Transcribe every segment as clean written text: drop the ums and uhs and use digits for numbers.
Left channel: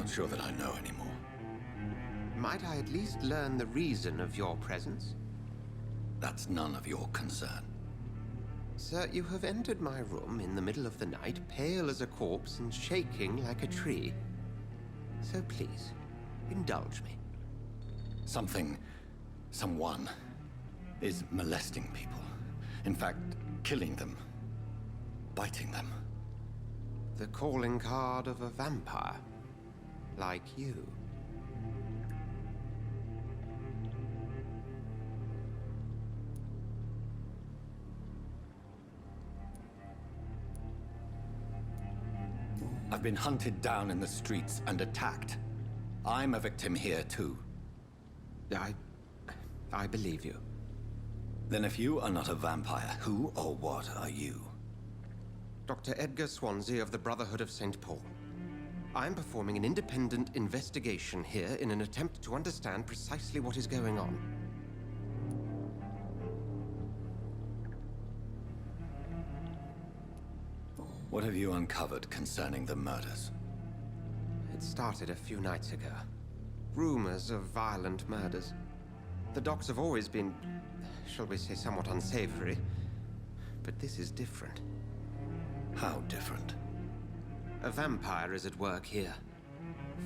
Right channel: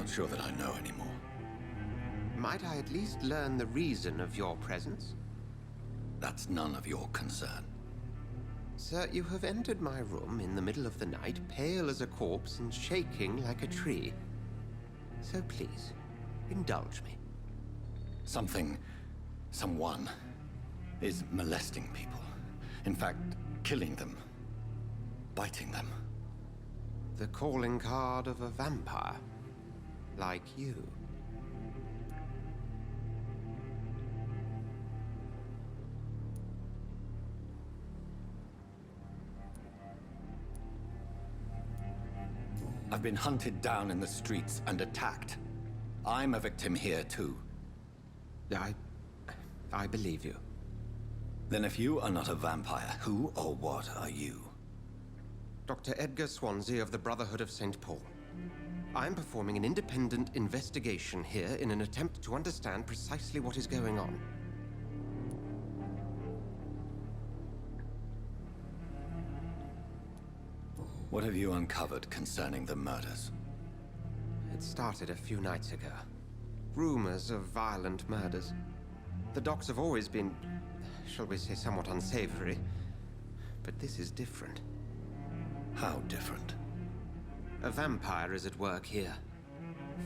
not sure that I know anymore. Might I at least learn the reason of your presence? That's none of your concern. Sir, you have entered my room in the middle of the night, pale as a corpse and shaking like a tree. So please, indulge me. Someone is molesting people. In fact, killing them. Biting them. The calling card of a vampire. Like you. I've been hunted down in the streets and attacked. I'm a victim here, too. I believe you. Then if you are not a vampire, who or what are you? Dr. Edgar Swansea of the Brotherhood of St. Paul. I'm performing an independent investigation here in an attempt to understand precisely what is going on. What have you uncovered concerning the murders? It started a few nights ago. Rumors of violent murders. The docs have always been, shall we say, somewhat unsavory. But this is different. How different? A vampire is at work here.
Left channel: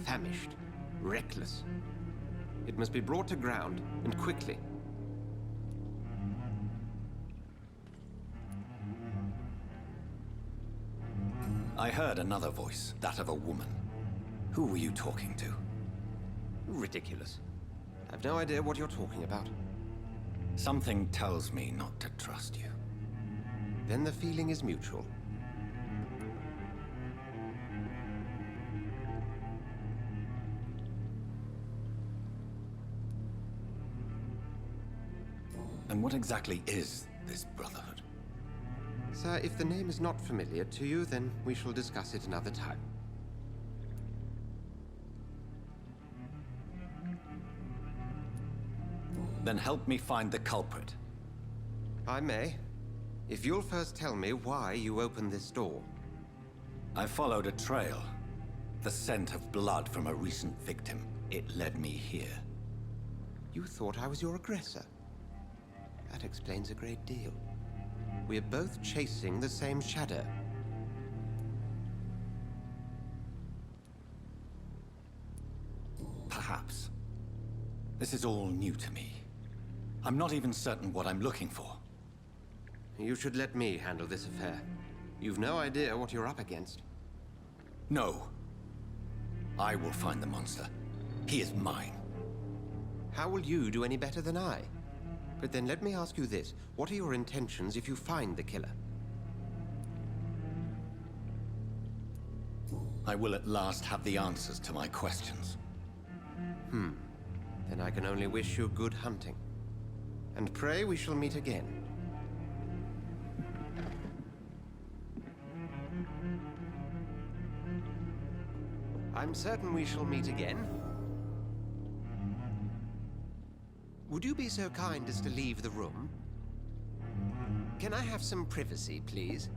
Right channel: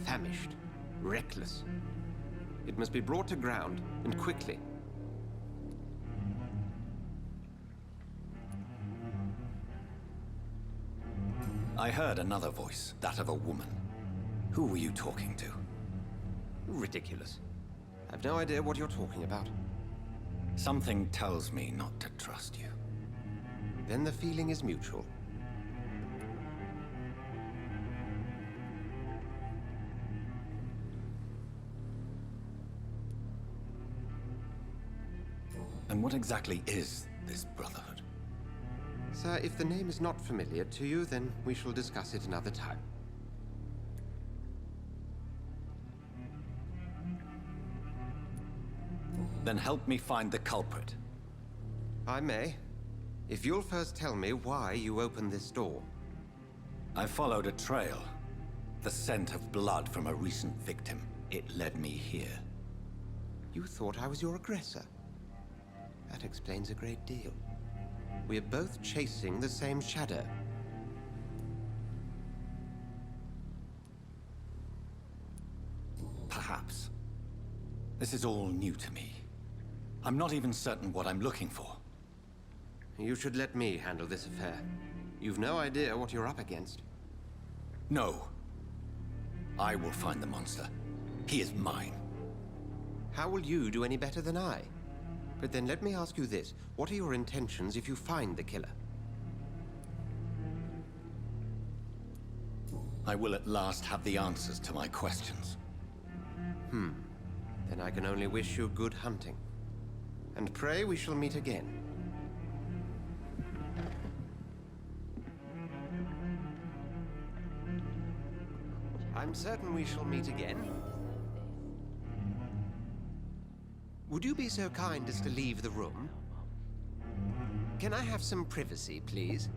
Famished. Reckless. It must be brought to ground, and quickly. I heard another voice, that of a woman. Who were you talking to? Ridiculous. I've no idea what you're talking about. Something tells me not to trust you. Then the feeling is mutual. And what exactly is this Brotherhood? Sir, if the name is not familiar to you, then we shall discuss it another time. Then help me find the culprit. I may. If you'll first tell me why you opened this door. I followed a trail. The scent of blood from a recent victim. It led me here. You thought I was your aggressor. That explains a great deal. We're both chasing the same shadow. Perhaps. This is all new to me. I'm not even certain what I'm looking for. You should let me handle this affair. You've no idea what you're up against. No. I will find the monster. He is mine. How will you do any better than I? But then let me ask you this. What are your intentions if you find the killer? I will at last have the answers to my questions. Then I can only wish you good hunting. And pray we shall meet again. I'm certain we shall meet again. Would you be so kind as to leave the room? Can I have some privacy, please?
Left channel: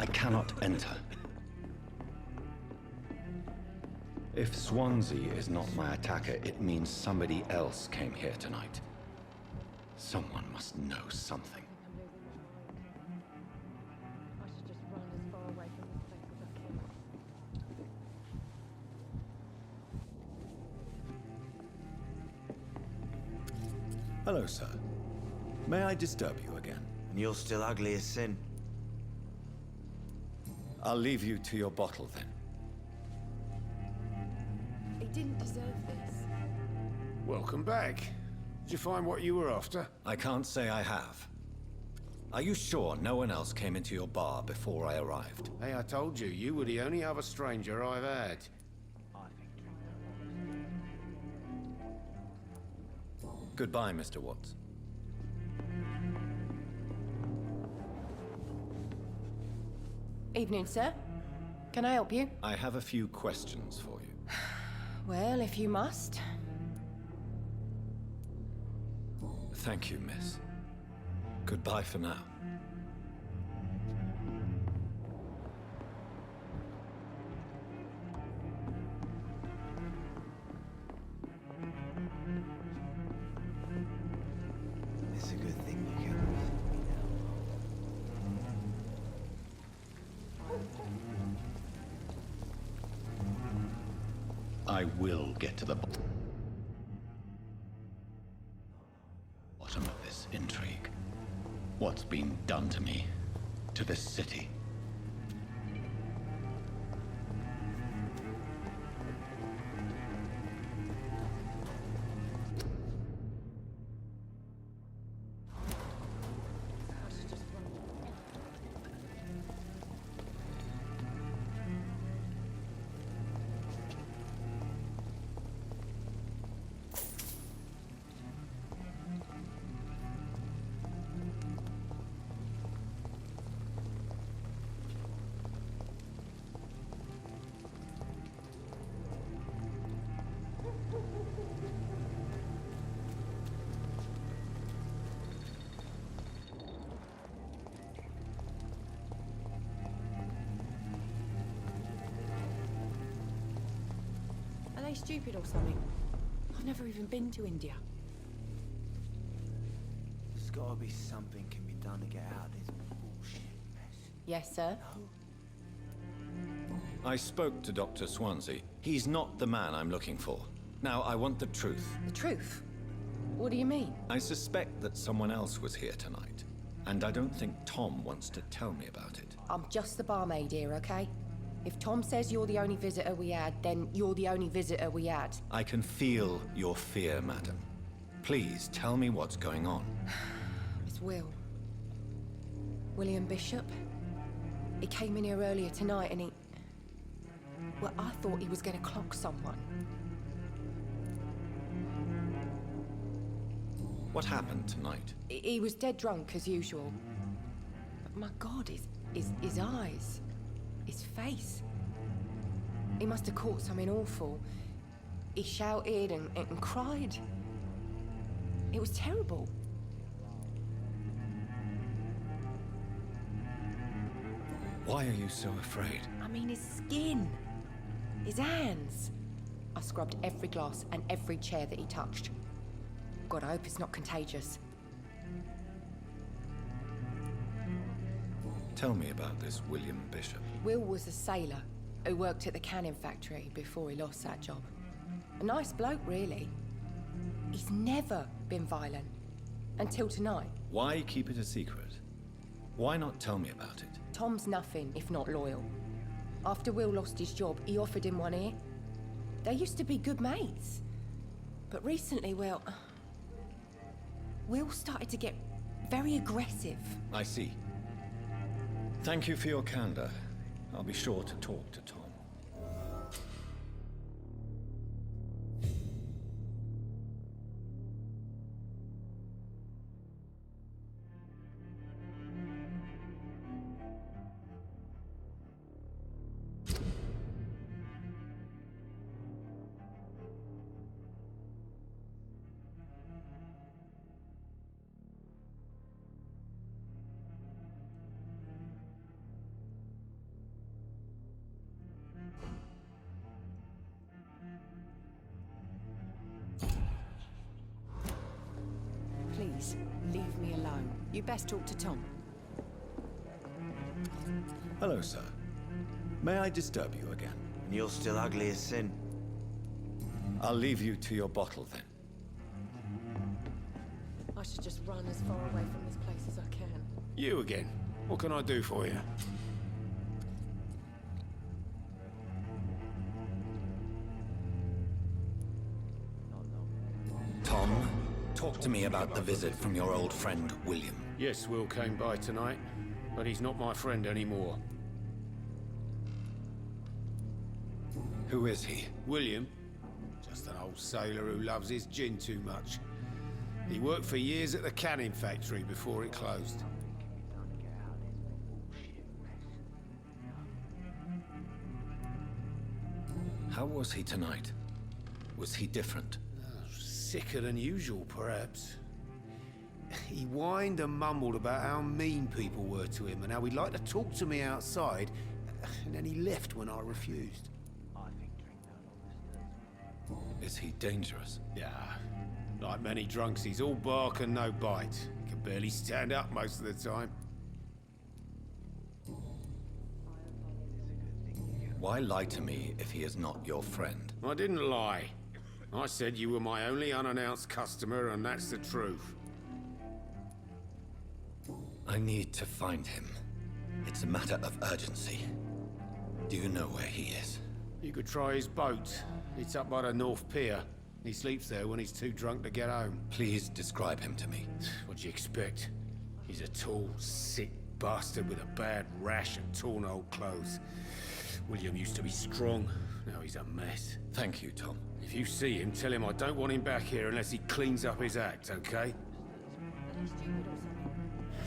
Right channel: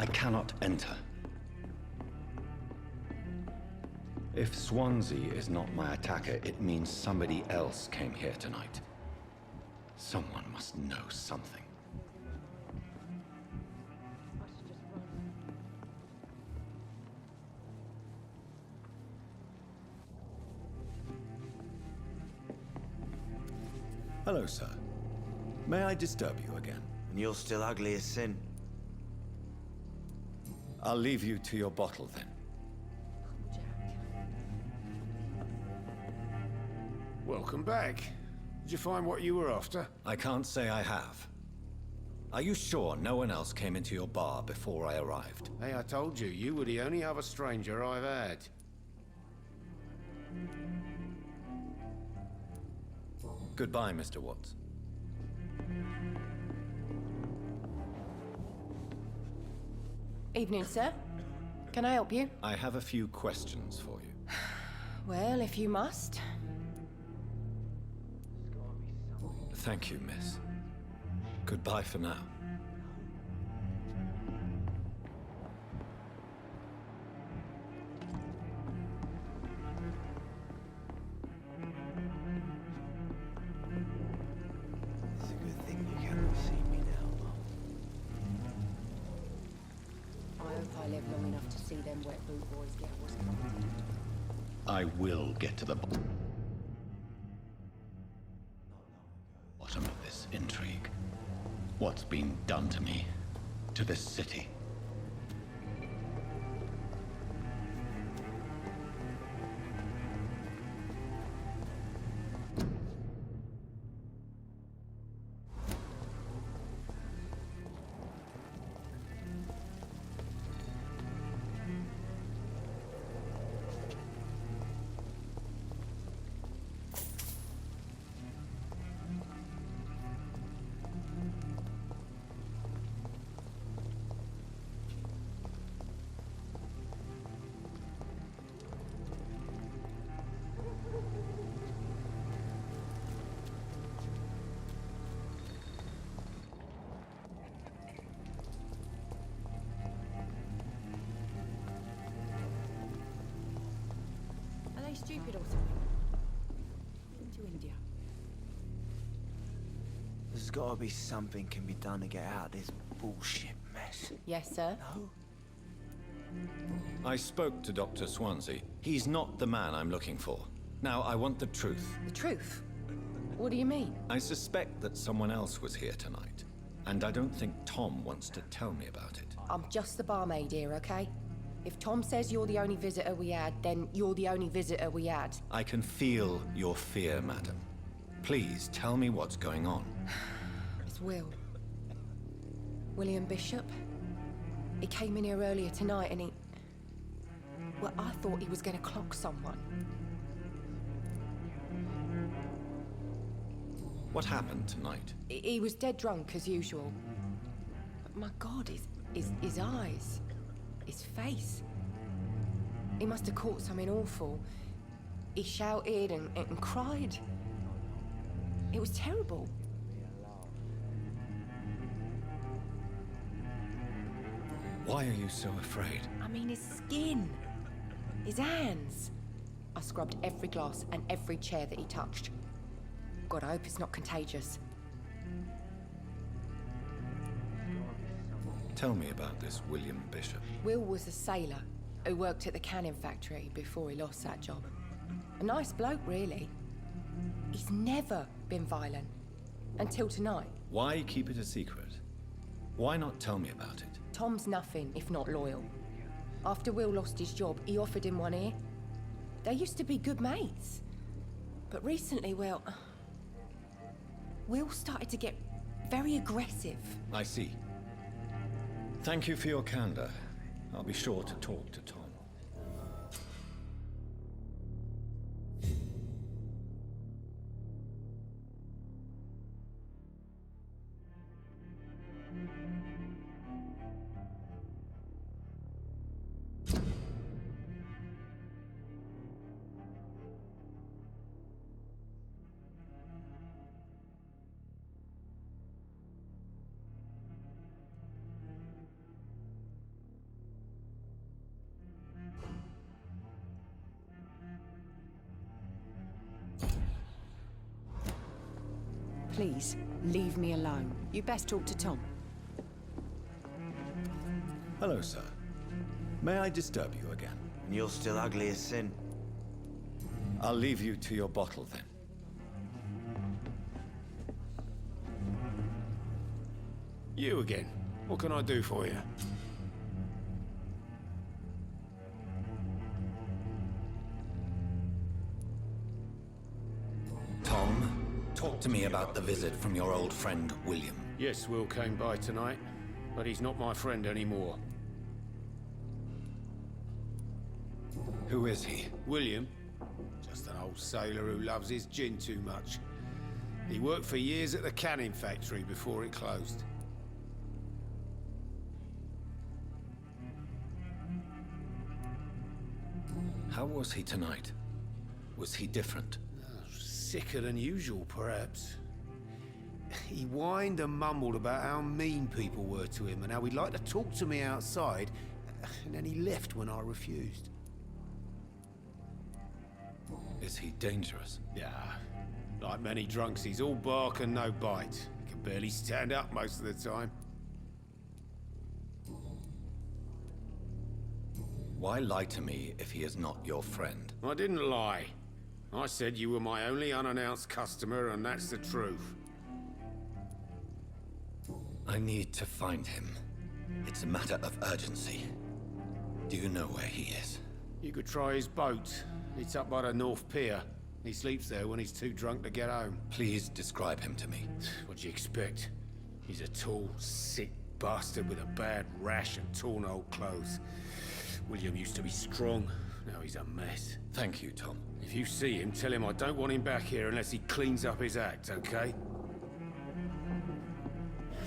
I cannot enter. If Swansea is not my attacker, it means somebody else came here tonight. Someone must know something. Hello, sir. May I disturb you again? And you're still ugly as sin. I'll leave you to your bottle, then. It didn't deserve this. Welcome back. Did you find what you were after? I can't say I have. Are you sure no one else came into your bar before I arrived? Hey, I told you, you were the only other stranger I've had. Goodbye, Mr. Watts. Evening, sir. Can I help you? I have a few questions for you. Well, if you must. Thank you, miss. Goodbye for now. It's a good thing you cannot see me now, Mum. I hope I live long enough to see them wet blue boys get what's I will get to the bottom of this intrigue. What's been done to me, to this city? Are they stupid or something? I've never even been to India. There's gotta be something can be done to get out of this bullshit mess. Yes, sir. No? I spoke to Dr. Swansea. He's not the man I'm looking for. Now, I want the truth. The truth? What do you mean? I suspect that someone else was here tonight, and I don't think Tom wants to tell me about it. I'm just the barmaid here, okay? If Tom says you're the only visitor we had, then you're the only visitor we had. I can feel your fear, madam. Please tell me what's going on. It's Will. William Bishop. He came in here earlier tonight and he... Well, I thought he was going to clock someone. What happened tonight? He was dead drunk, as usual. But my God, his eyes... His face. He must have caught something awful. He shouted and cried. It was terrible. Why are you so afraid? I mean, his skin. His hands. I scrubbed every glass and every chair that he touched. God, I hope it's not contagious. Tell me about this William Bishop. Will was a sailor who worked at the canning factory before he lost that job. A nice bloke, really. He's never been violent. Until tonight. Why keep it a secret? Why not tell me about it? Tom's nothing if not loyal. After Will lost his job, he offered him one ear. They used to be good mates. But recently, well... Will started to get very aggressive. I see. Thank you for your candor. I'll be sure to talk to Tom. Please, leave me alone. You best talk to Tom. Hello, sir. May I disturb you again? And you're still ugly as sin. I'll leave you to your bottle then. I should just run as far away from this place as I can. You again. What can I do for you? Tom, talk to me about the visit from your old friend, William. Yes, Will came by tonight, but he's not my friend anymore. Who is he? William? Just an old sailor who loves his gin too much. He worked for years at the canning factory before it closed. How was he tonight? Was he different? Sicker than usual, perhaps. He whined and mumbled about how mean people were to him and how he'd like to talk to me outside, and then he left when I refused. Is he dangerous? Yeah, like many drunks, he's all bark and no bite. He can barely stand up most of the time. Why lie to me if he is not your friend? I didn't lie. I said you were my only unannounced customer, and that's the truth. I need to find him. It's a matter of urgency. Do you know where he is? You could try his boat. It's up by the North Pier. He sleeps there when he's too drunk to get home. Please describe him to me. What'd you expect? He's a tall, sick bastard with a bad rash and torn old clothes. William used to be strong. Now he's a mess. Thank you, Tom. If you see him, tell him I don't want him back here unless he cleans up his act, okay?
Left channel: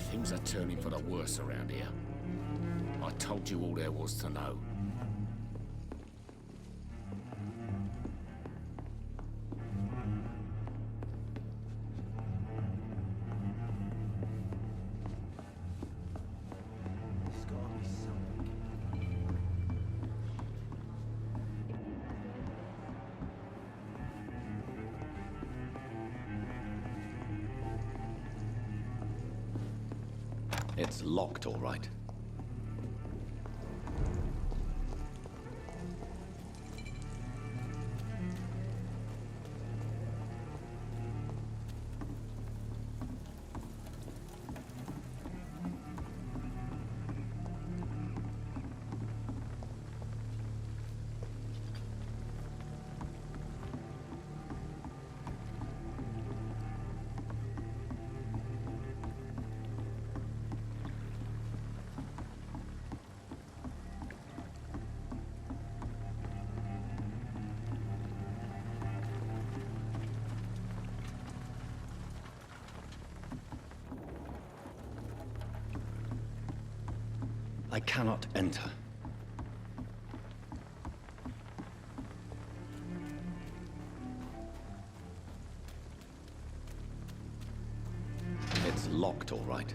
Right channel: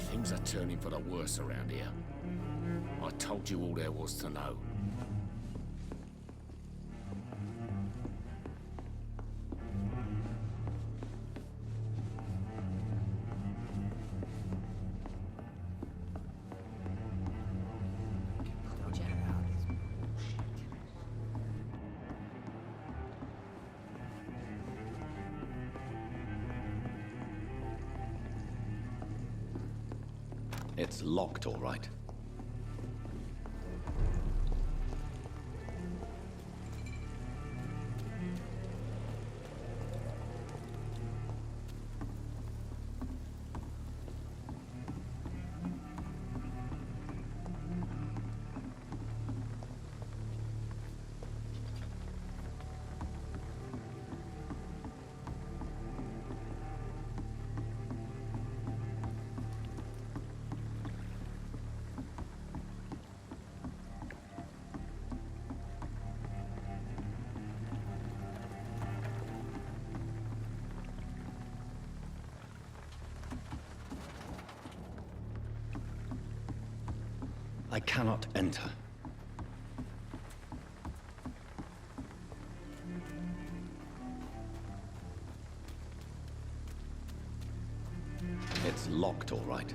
Things are turning for the worse around here. I told you all there was to know. It's locked, all right. I cannot enter. It's locked, all right.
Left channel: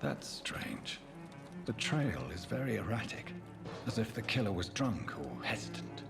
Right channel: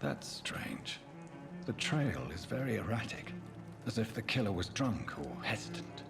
That's strange. The trail is very erratic, as if the killer was drunk or hesitant.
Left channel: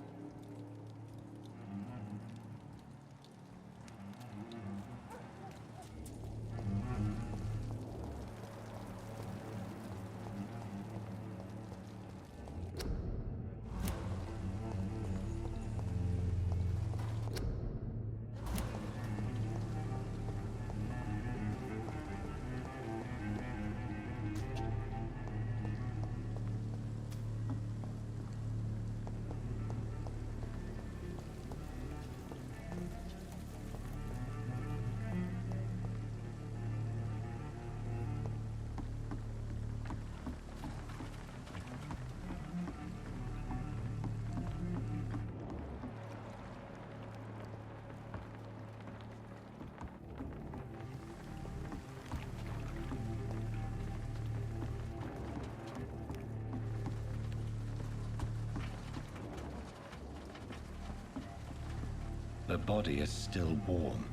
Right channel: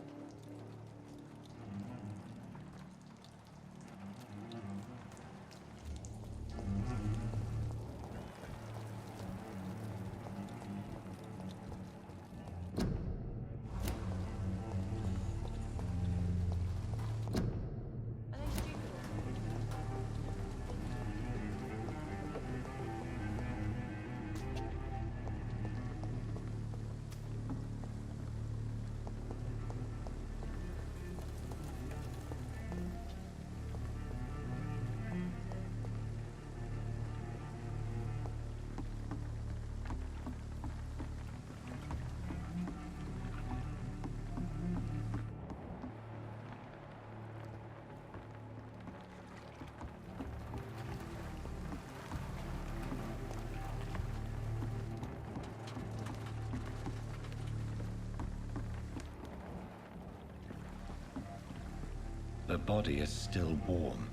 The body is still warm.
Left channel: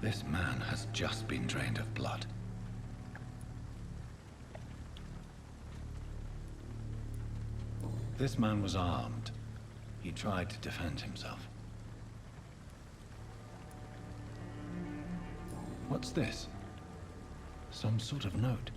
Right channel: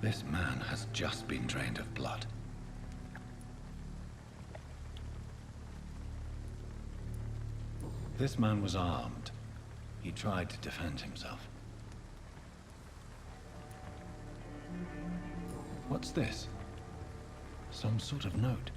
This man has just been drained of blood. This man was armed. He tried to defend himself. What's this? Some sort of note.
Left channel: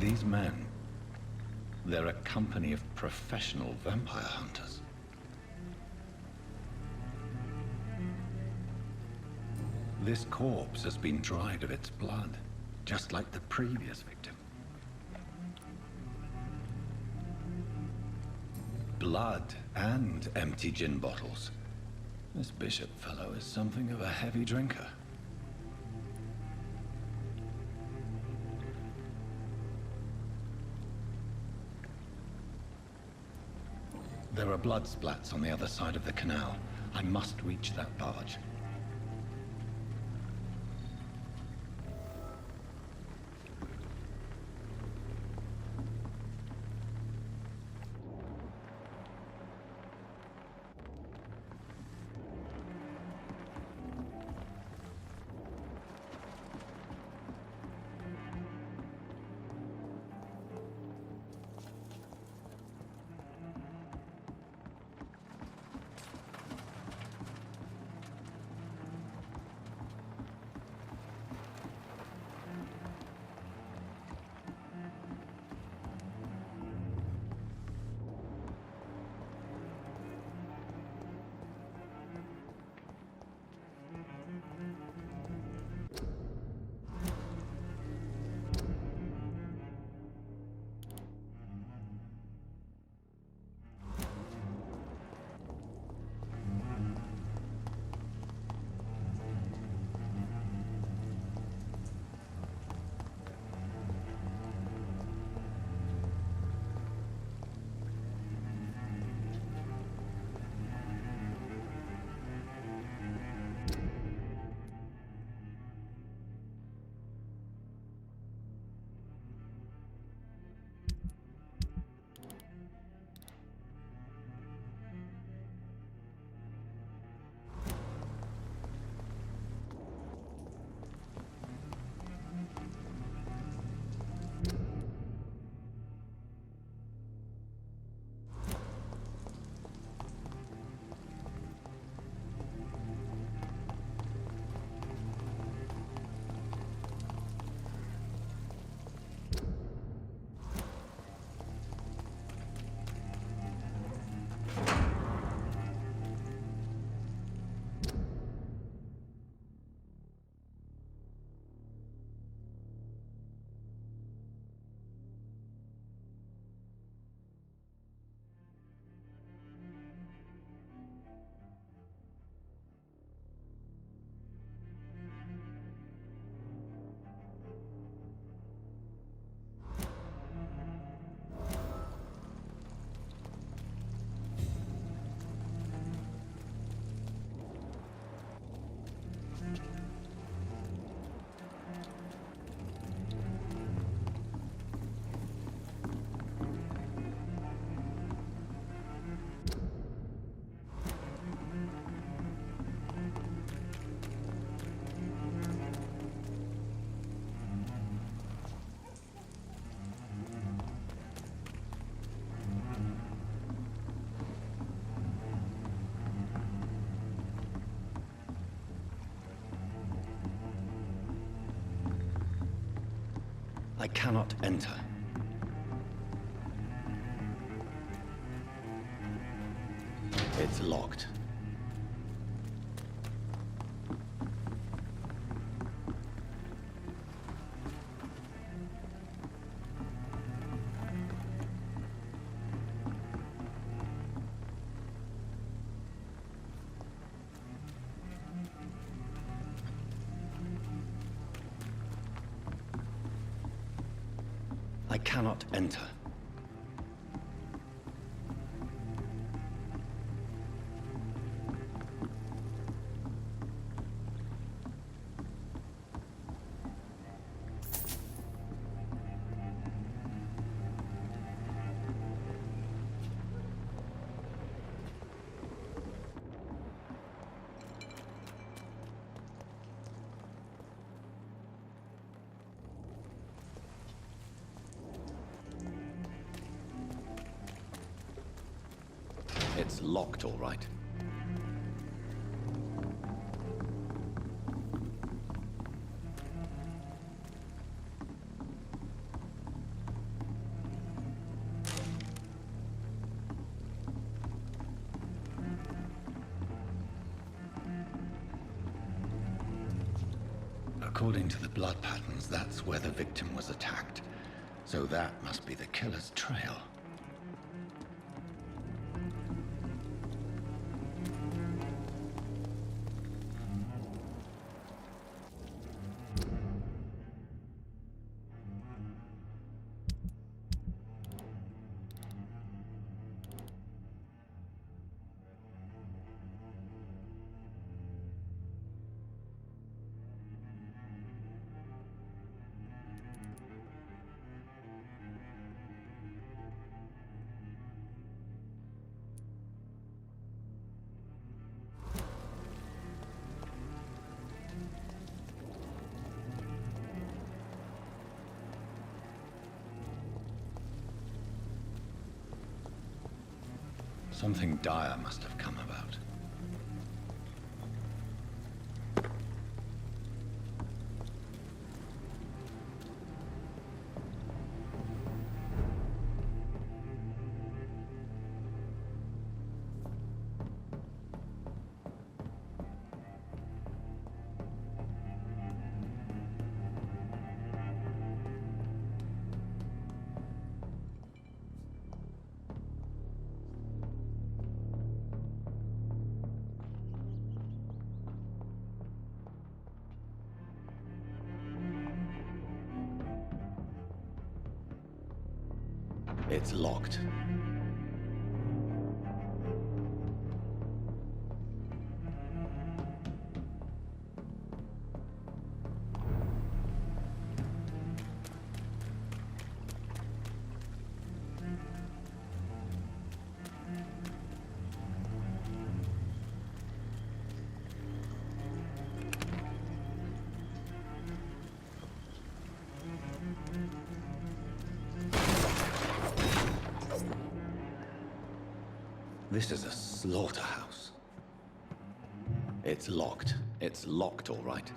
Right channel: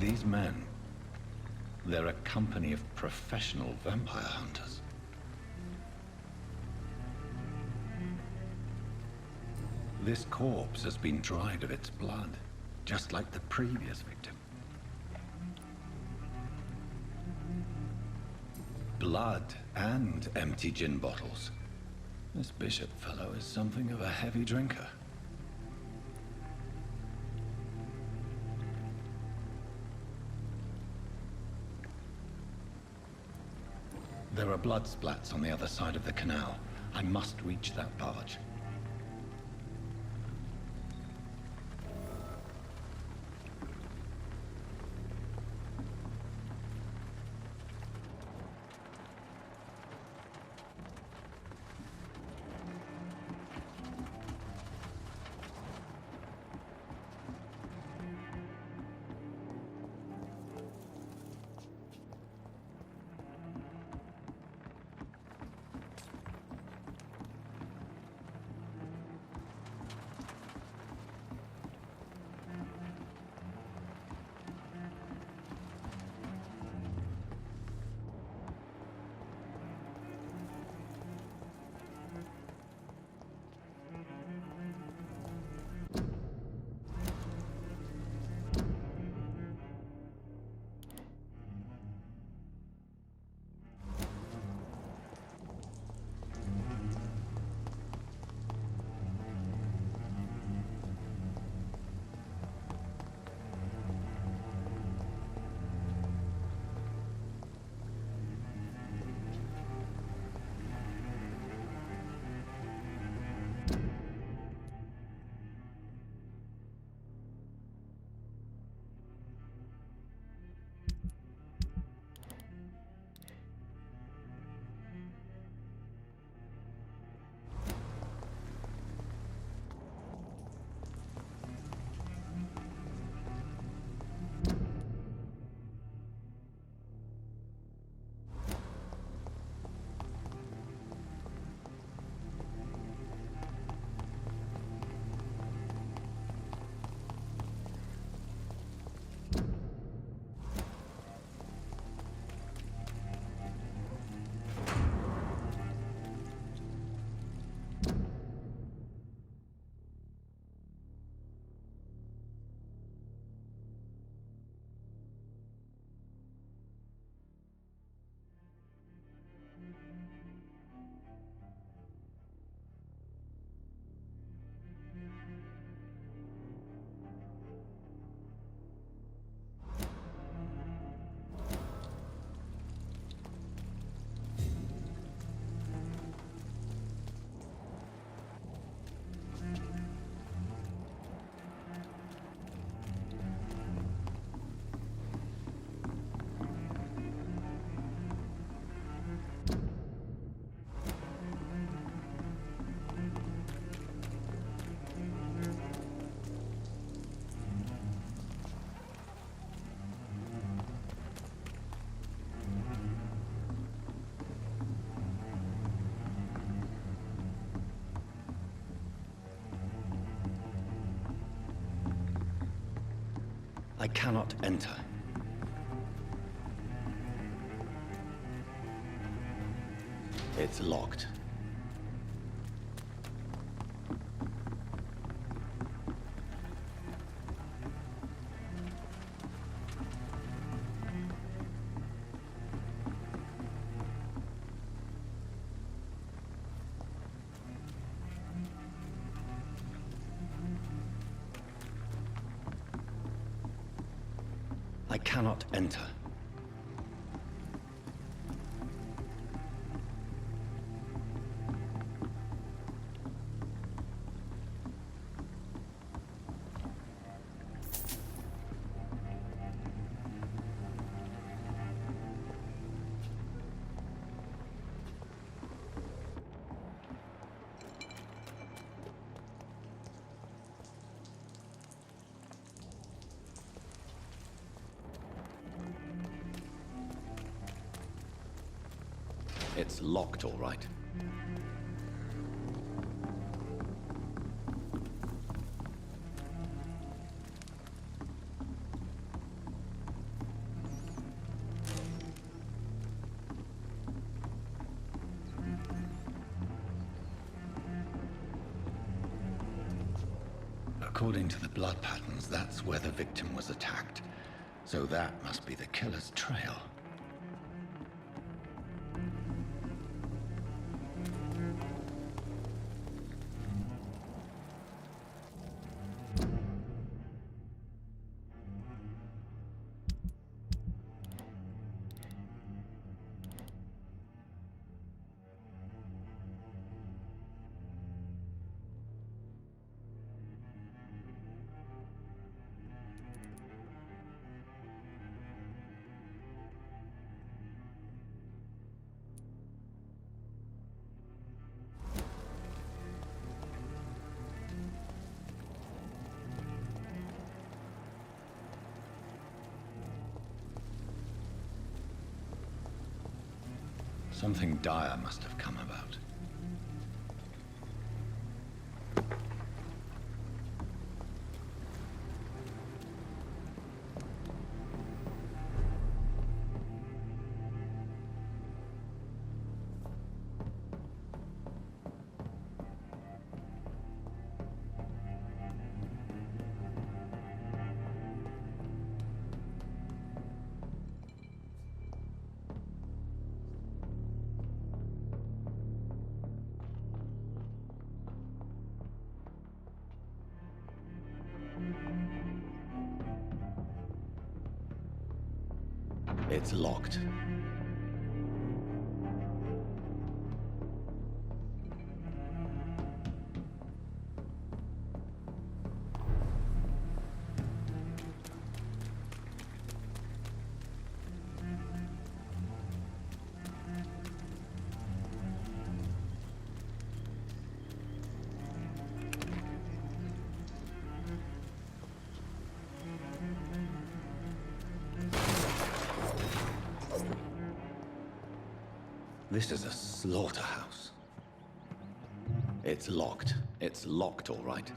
These men, they're a company of professional vampire hunters. This corpse has been dried of its blood, just like the previous victim. Blood and empty gin bottles. This Bishop fellow is something of a heavy drinker. There are blood splats on the other side of the canal. I must reach that barge. I cannot enter. It's locked. I cannot enter. It's locked, all right. According to the blood patterns, that's where the victim was attacked. So that must be the killer's trail. Something dire must have come about. It's locked. This is a slaughterhouse. It's locked. It's locked, all right.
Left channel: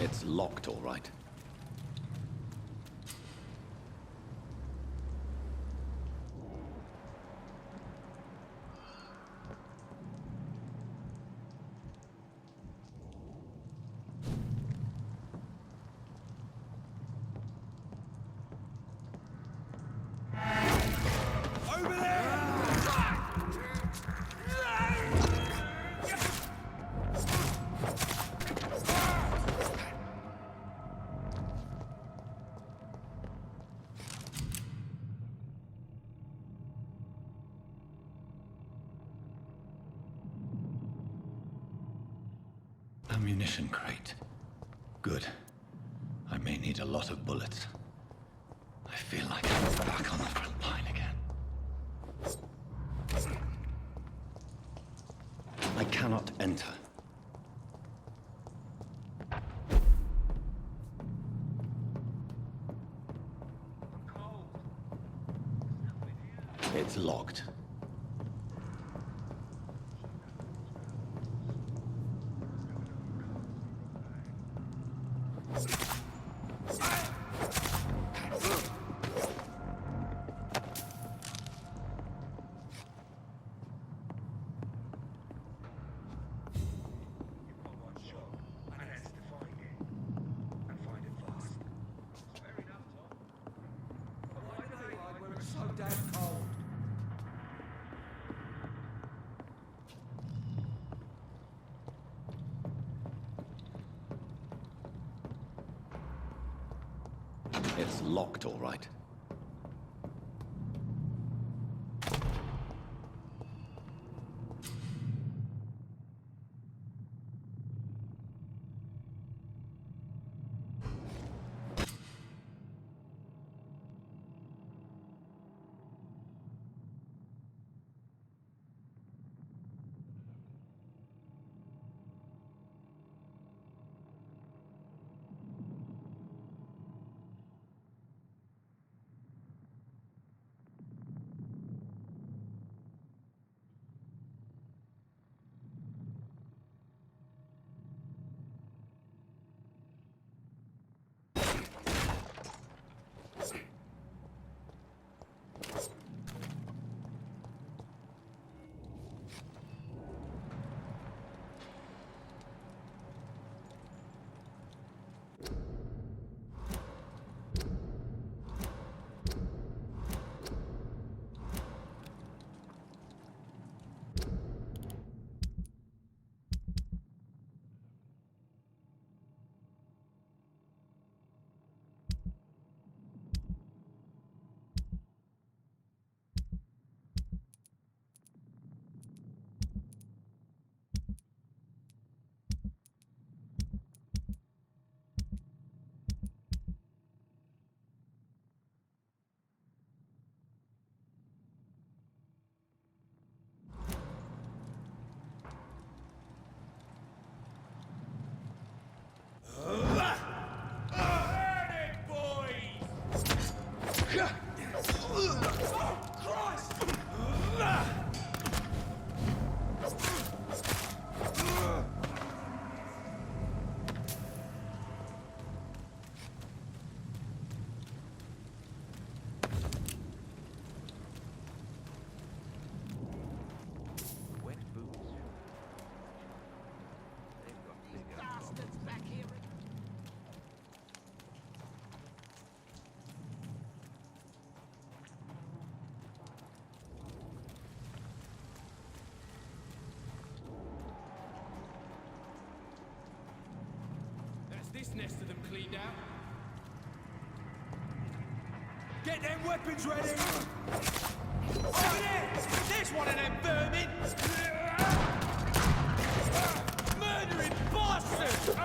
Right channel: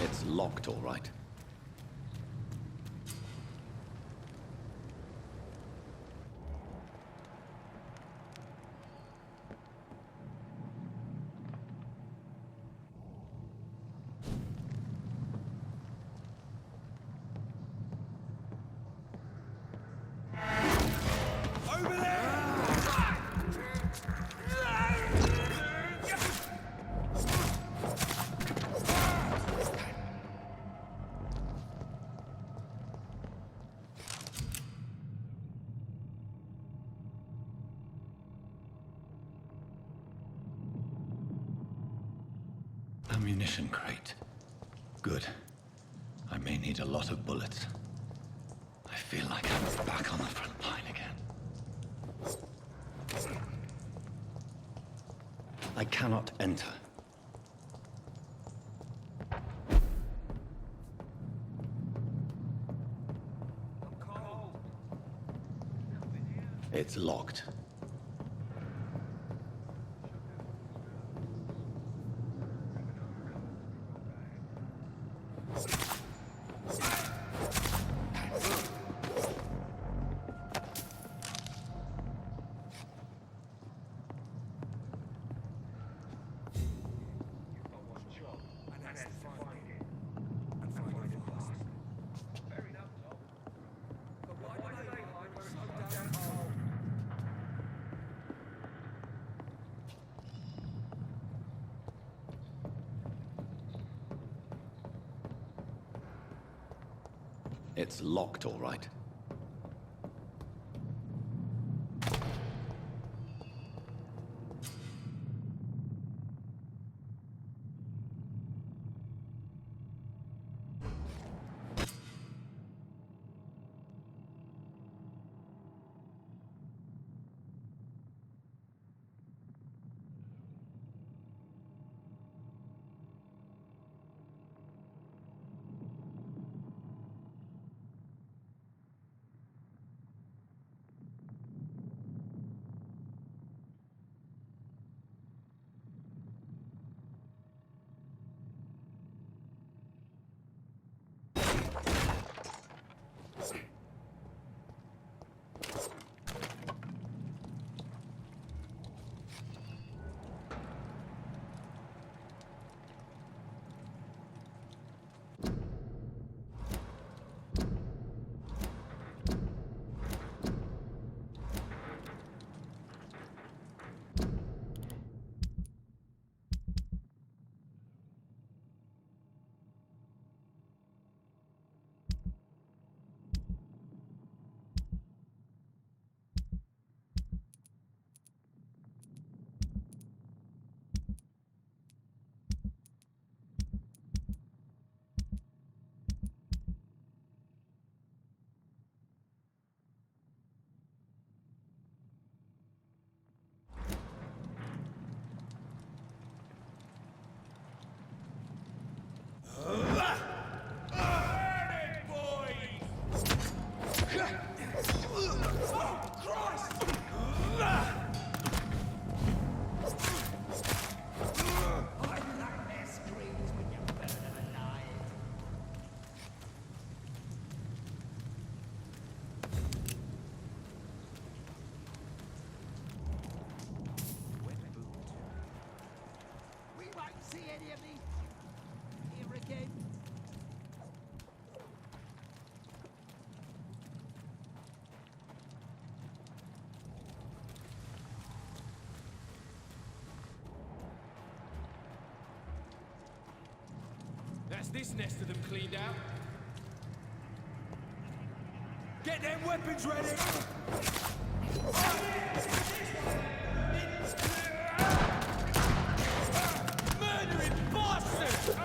It's locked, all right. ammunition crate. Good. I may need a lot of bullets. I feel like I'm back on the front line again. I cannot enter. It's locked. It's locked, all right. That's this nest of them cleaned out. Get them weapons ready! Oh yeah! There's one of them vermin! Murdering bastard!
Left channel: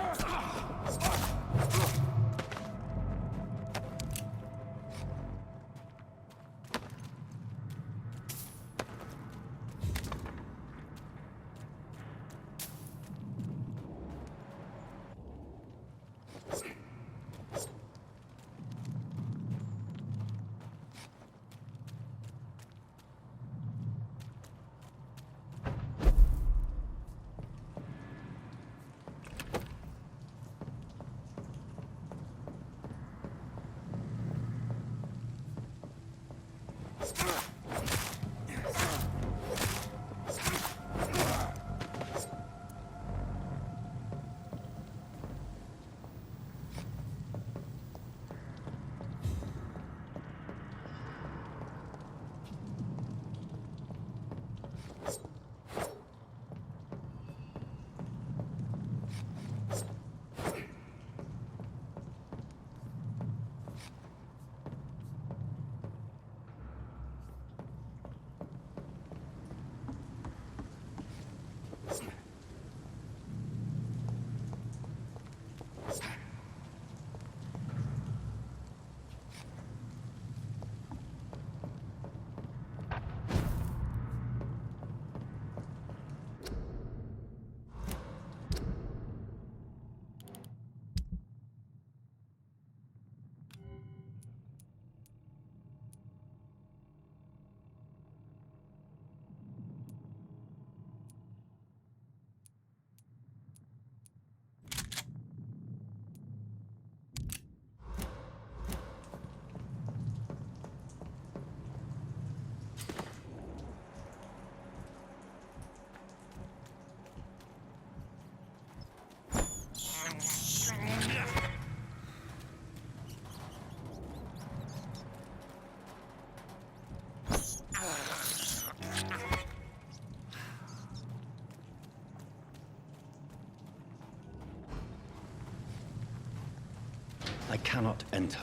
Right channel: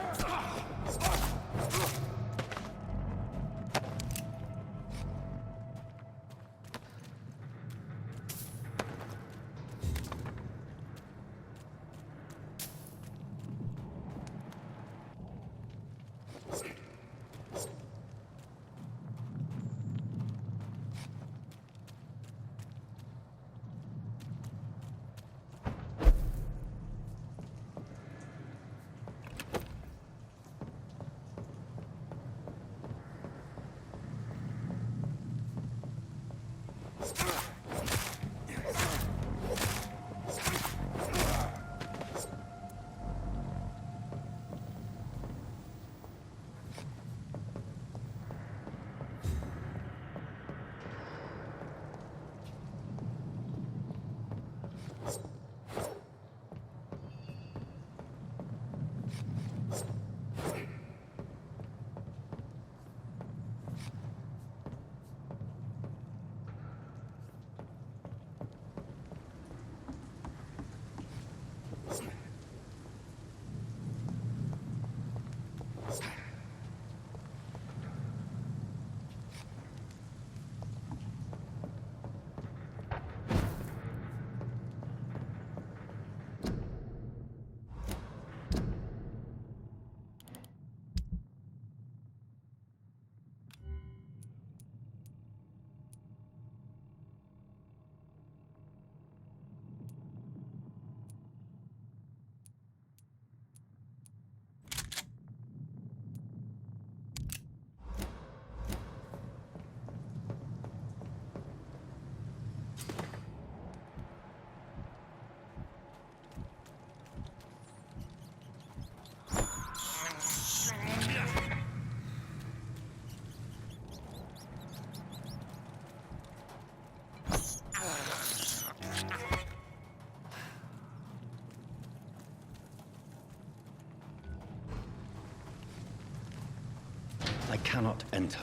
cannot enter.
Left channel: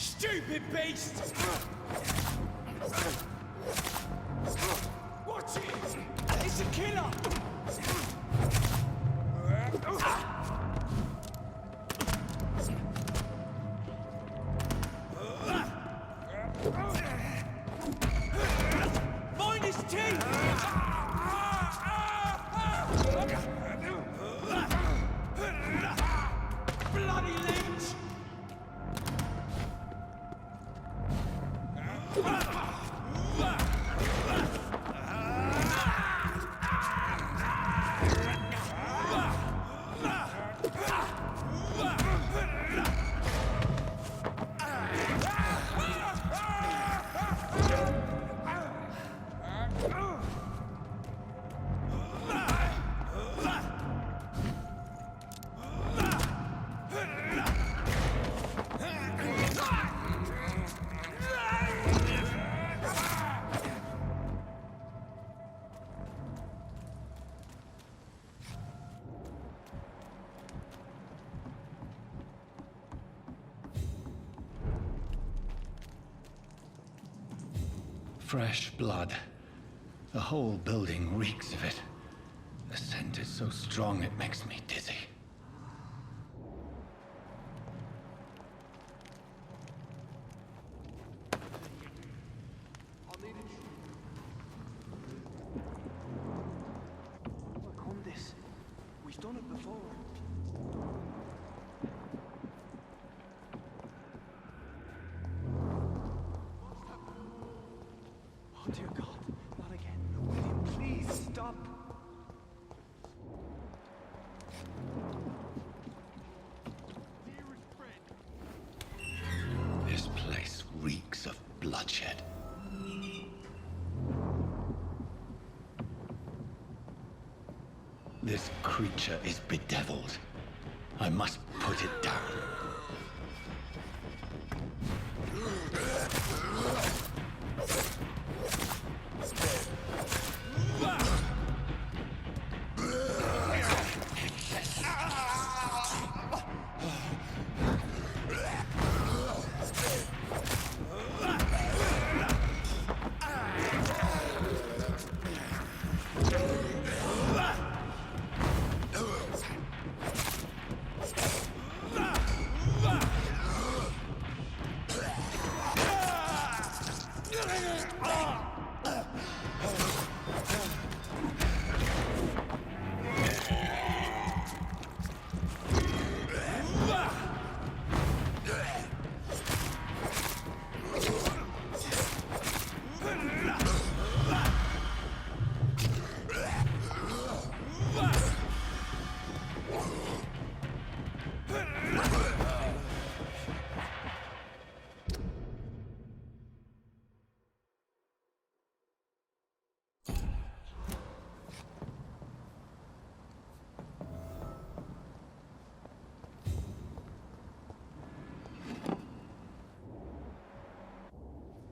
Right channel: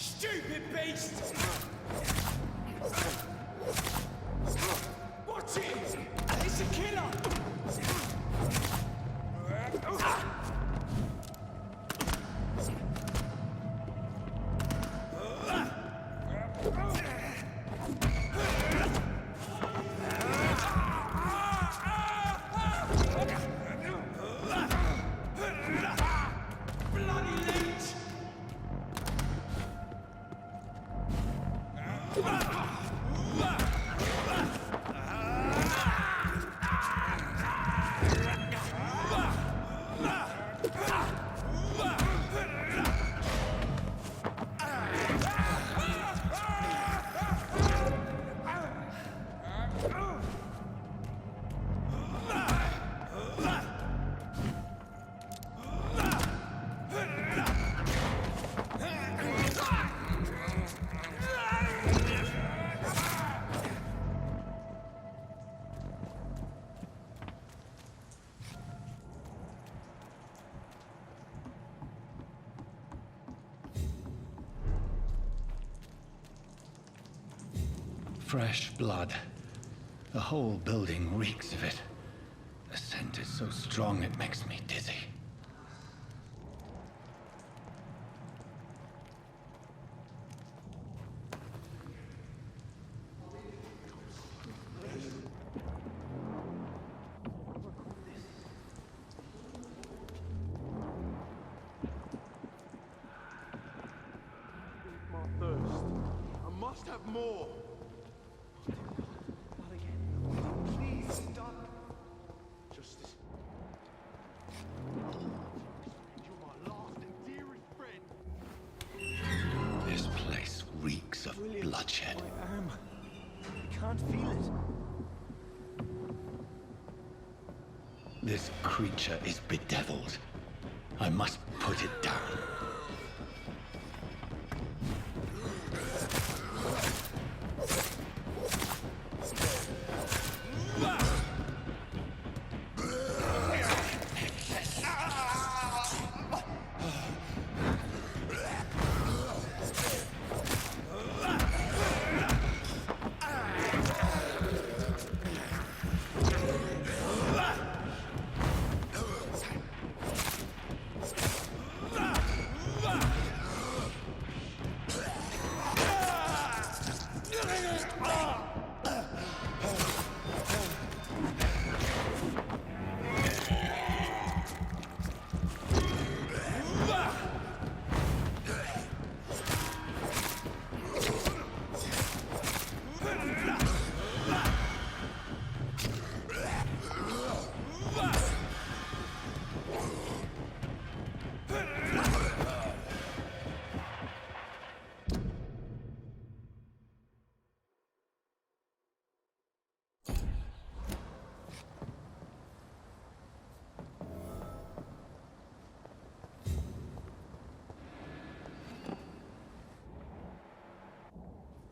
Stupid beast! Watch it! It's a killer! Mind his teeth! Bloody leech! Fresh blood. The whole building reeks of it. The scent is so strong it makes me dizzy. more. Oh, dear God. Not again. William, please stop. Justice. You're my last and dearest friend. This place reeks of bloodshed. I can't feel it. This creature is bedeviled. I must put it down.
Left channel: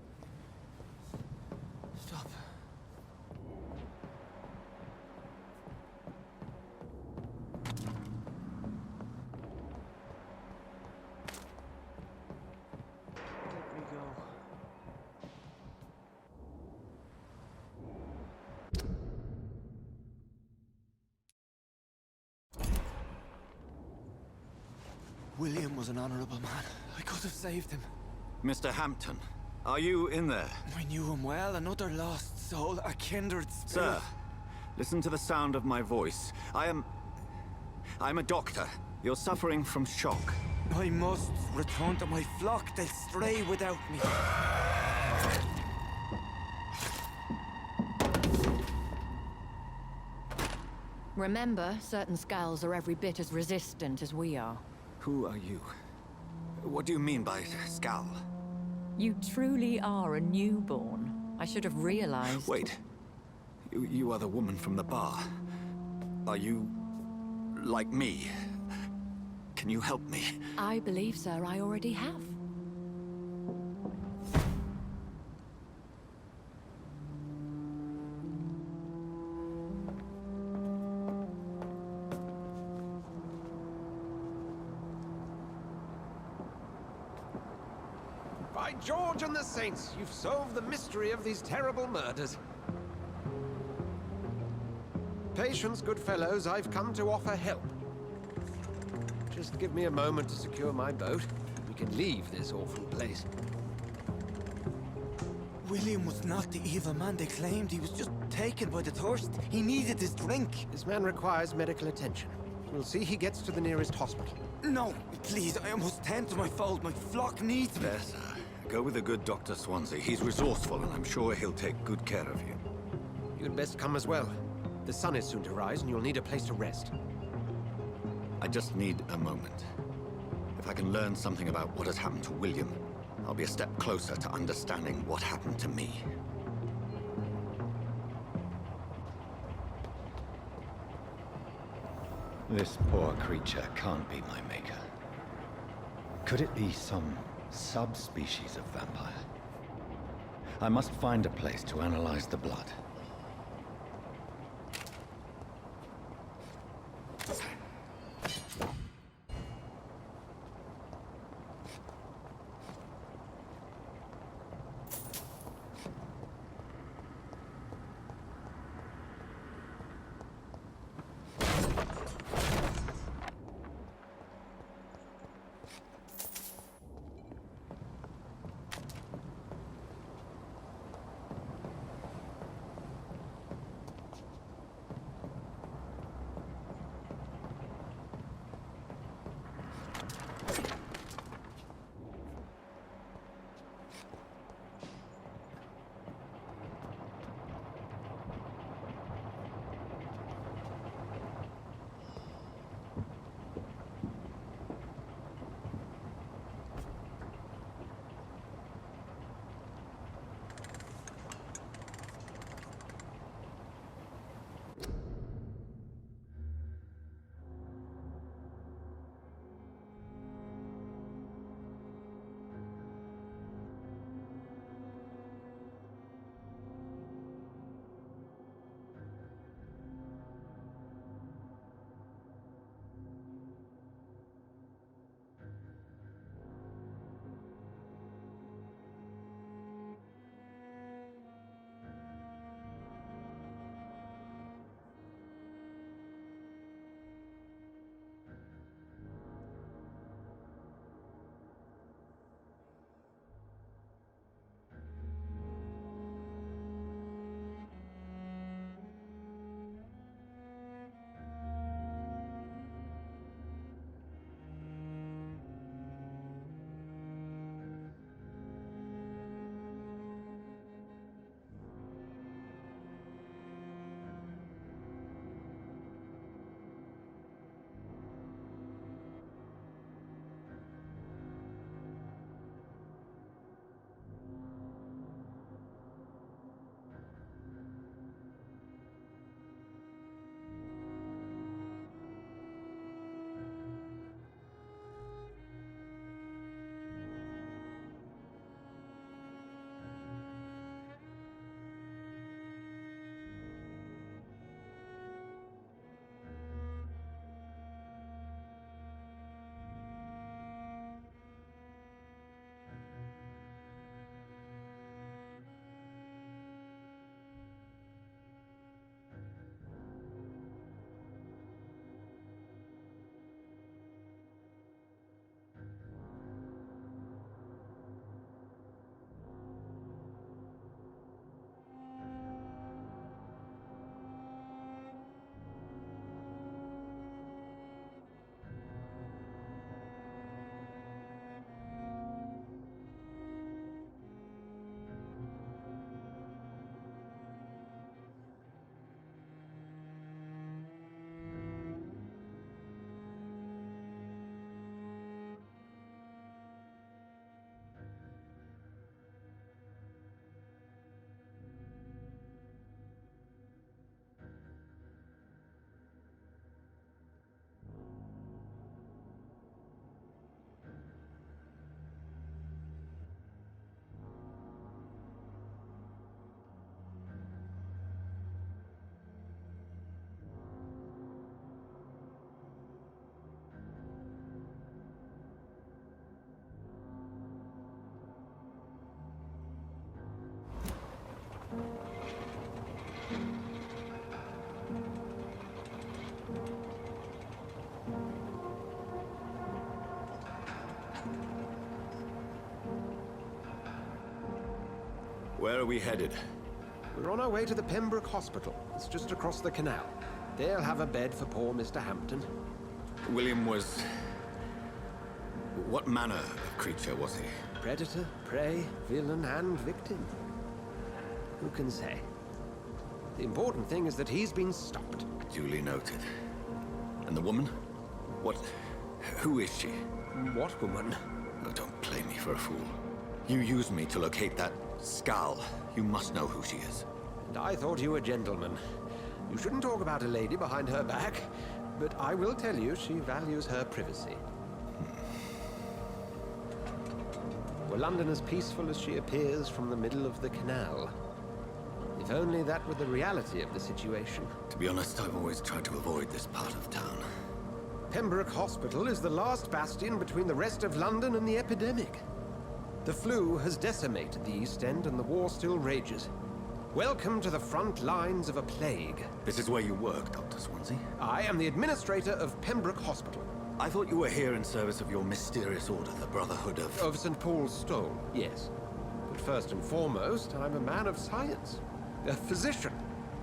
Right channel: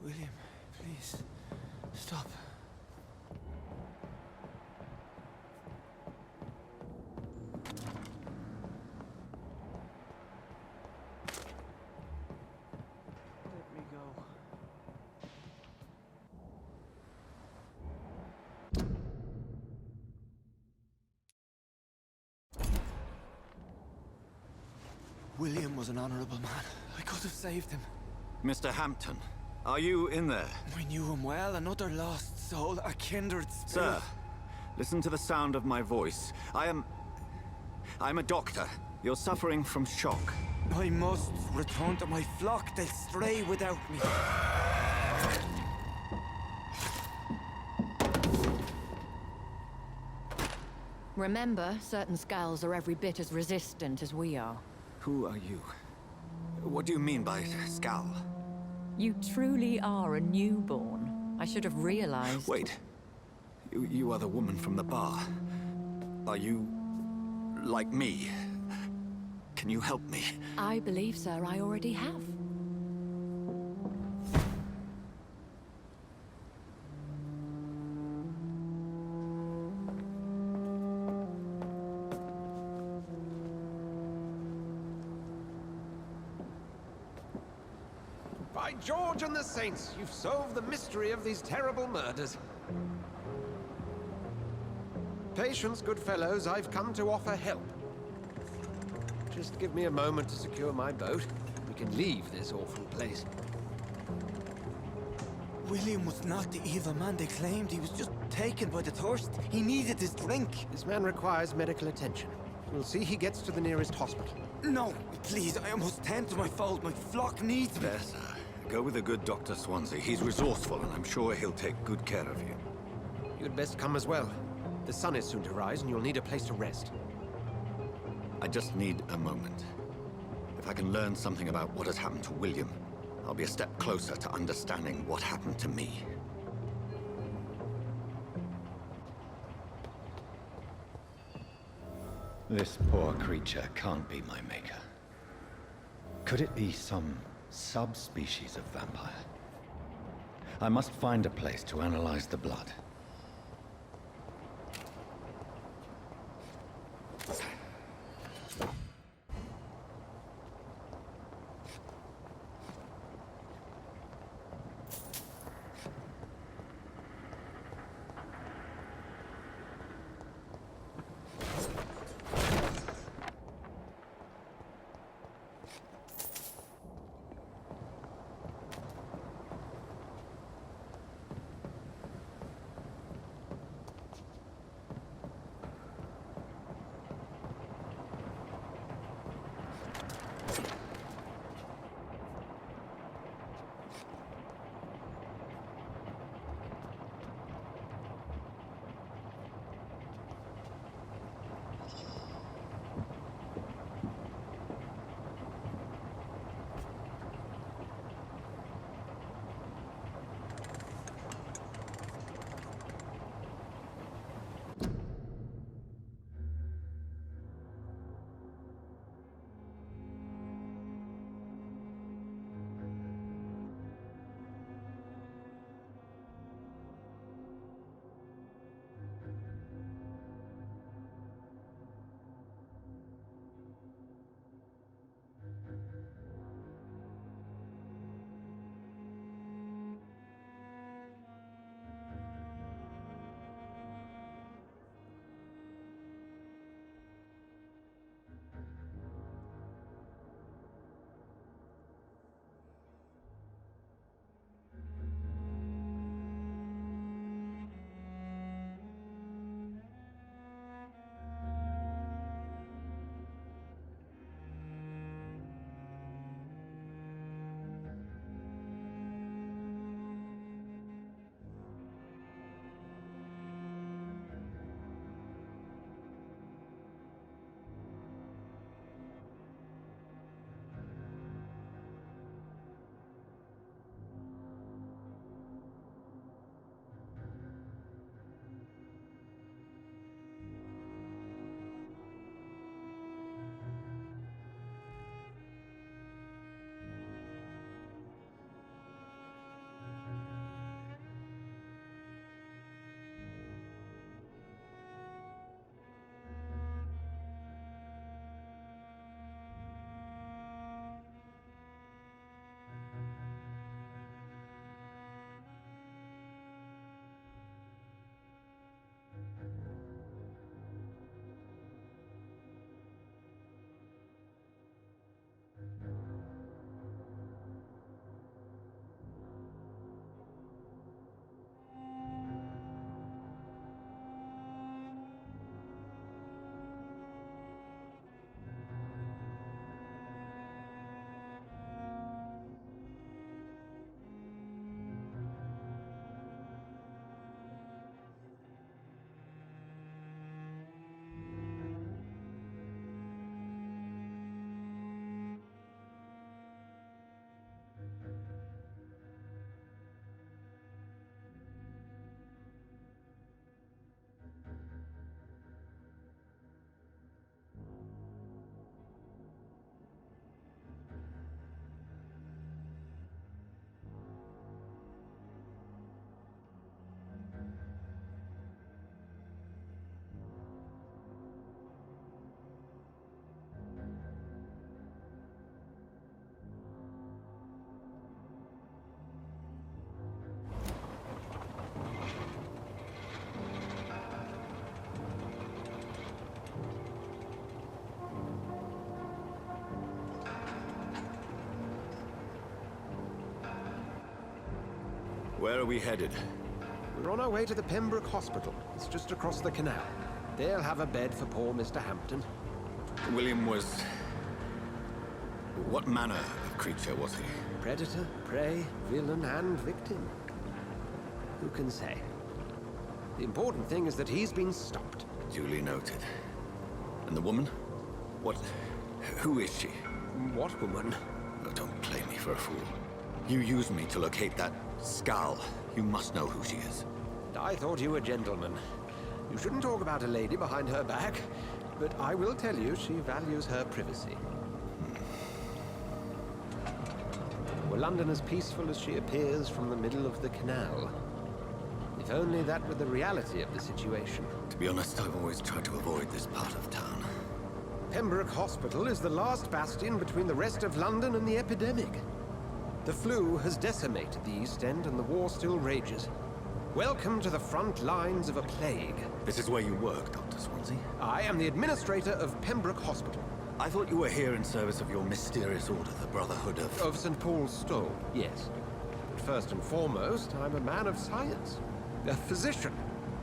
William, please. Stop. Let me go. William was an honorable man. I could have saved him. Mr. Hampton, are you in there? I knew him well, another lost soul, a kindred spirit. Sir, listen to the sound of my voice. I'm a doctor. You're suffering from shock. I must return to my flock. They'll stray without me. Remember, certain skulls are every bit as resistant as we are. Who are you? What do you mean by Skal? You truly are a newborn. I should have realized. Wait. You are the woman from the bar. Are you... like me? Can you help me? I believe, sir, I already have. By George and the Saints, you've solved the mystery of these terrible murders. Patience, good fellows, I've come to offer help. Just give me a moment to secure my boat. We can leave this awful place. William was not the evil man they claimed. He was just taken by the thirst. He needed his drink. This man requires medical attention. We'll see he gets to the nearest hospital. No, please, I must tend to my fold. My flock needs me. There, sir. Go with the good Dr. Swansea. He's resourceful, and I'm sure he'll take good care of you. You'd best come as well. The sun is soon to rise, and you'll need a place to rest. I just need a moment. If I can learn something about what has happened to William, I'll be a step closer to understanding what happened to me. This poor creature can't be my maker. Could it be some subspecies of vampire? I must find a place to analyze the blood. Where are we headed? We're on our way to the Pembroke Hospital. It's just across the canal. They'll have a bed for poor Mr. Hampton. William was... What manner of creature was he? Predator, prey, villain, and victim. Who can say? The important thing is that he's been stopped. Duly noted. And the woman? What... Who is she? What woman? Oh, don't play me for a fool. You used me to locate that skull. You must know who she is. And I thought you a gentleman. You shouldn't talk about a lady behind her back, but I will tell you she values her privacy. Were London as peaceful as she appears from the middle of the canal? If only that were the reality of the situation. To be honest, I've always tried to avoid this part of town. Pembroke Hospital is the last bastion between the rest of London and the epidemic. The flu has decimated the East End and the war still rages. Welcome to the front lines of a plague. This is where you work, Dr. Swansea? I am the administrator of Pembroke Hospital. I thought you were here in service of your mysterious order, the Brotherhood of... Of St. Paul's Stole, yes. But first and foremost, I'm a man of science. A physician,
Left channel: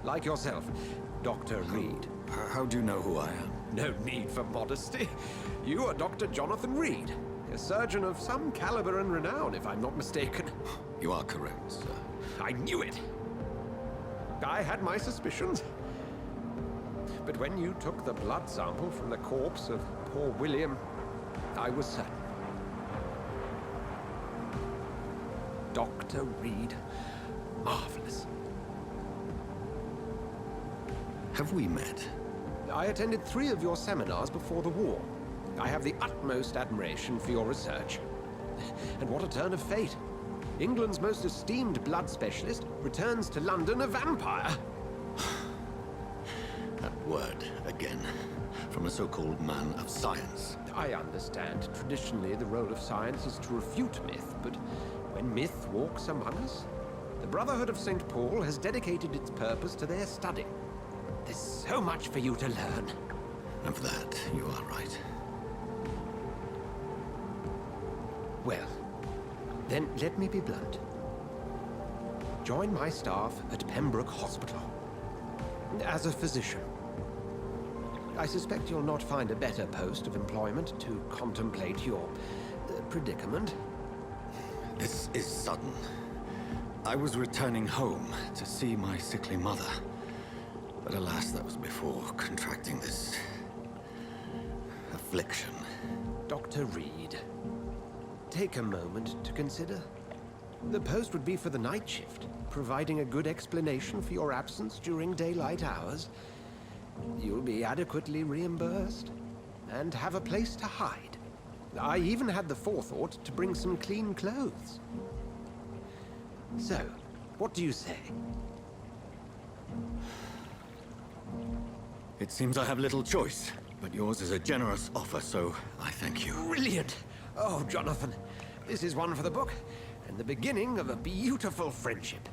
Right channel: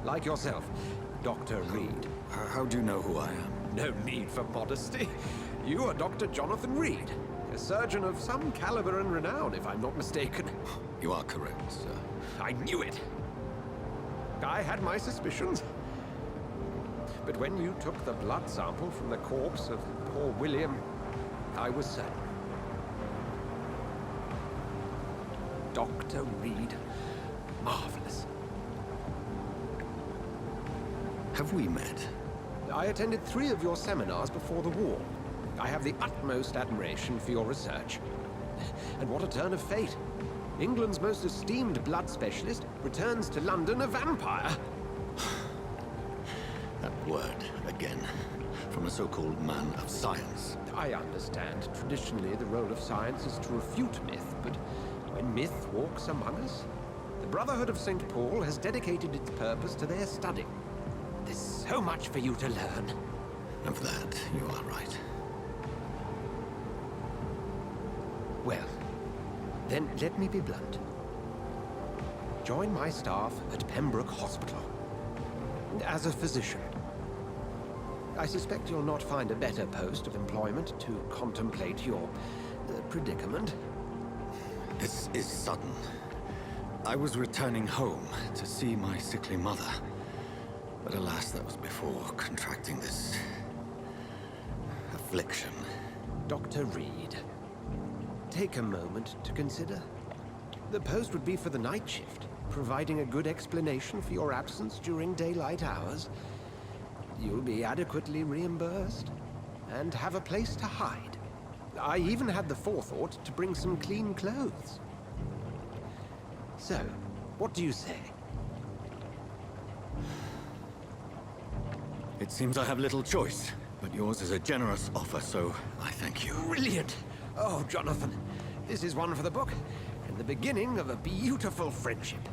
like yourself, Dr. Reed. How do you know who I am? No need for modesty. You are Dr. Jonathan Reed, a surgeon of some caliber and renown, if I'm not mistaken. You are correct, sir. I knew it. I had my suspicions. But when you took the blood sample from the corpse of poor William, I was certain. Dr. Reed. Marvelous. Have we met? I attended 3 of your seminars before the war. I have the utmost admiration for your research. And what a turn of fate. England's most esteemed blood specialist returns to London a vampire. That word, again. From a so-called man of science. I understand. Traditionally, the role of science is to refute myth, but when myth walks among us, the Brotherhood of St. Paul has dedicated its purpose to their study. There's so much for you to learn. Of that, you are right. Well, then let me be blunt. Join my staff at Pembroke Hospital. As a physician. I suspect you'll not find a better post of employment to contemplate your predicament. This is sudden. I was returning home to see my sickly mother. But alas, that was before contracting this... affliction. Dr. Reed, take a moment to consider. The post would be for the night shift, providing a good explanation for your absence during daylight hours. You'll be adequately reimbursed, and have a place to hide. I even had the forethought to bring some clean clothes. So, what do you say? It seems I have little choice, but yours is a generous offer, so I thank you. Brilliant! Oh, Jonathan, this is one for the book, and the beginning of a beautiful friendship.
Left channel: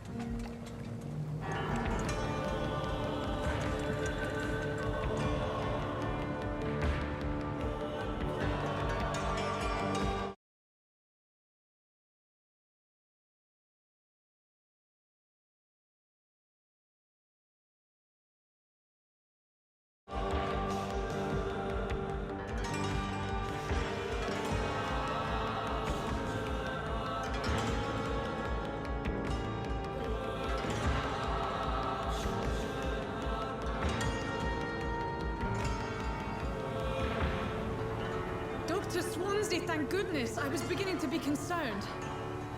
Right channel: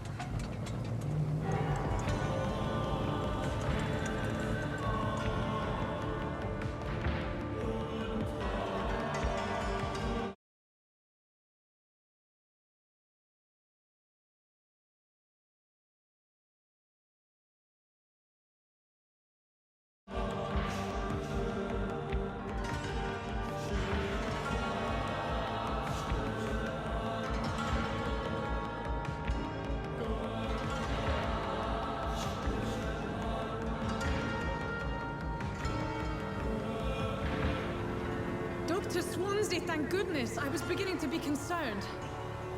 Dr. Swansea, thank goodness. I was beginning to be concerned.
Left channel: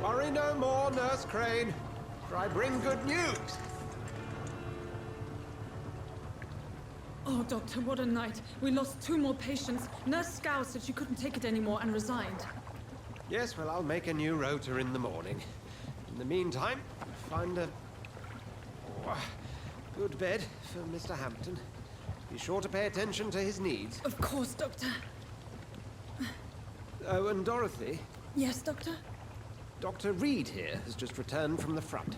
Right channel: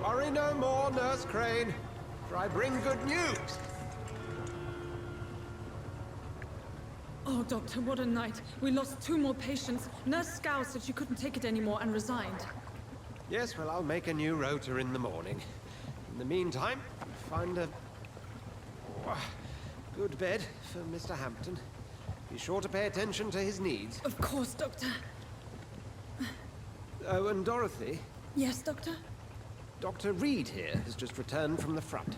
Worry no more, Nurse Crane, for I bring good news. Oh, Doctor, what a night. We lost 2 more patients. Nurse Scow said she couldn't take it anymore and resigned. Yes, well, I'll make a new rota in the morning. In the meantime, find a good bed for Mr. Hampton. Be sure to pay attention to his needs. Of course, Doctor. Oh, and Dorothy, Yes, Doctor? Dr. Reed here has just returned from the front.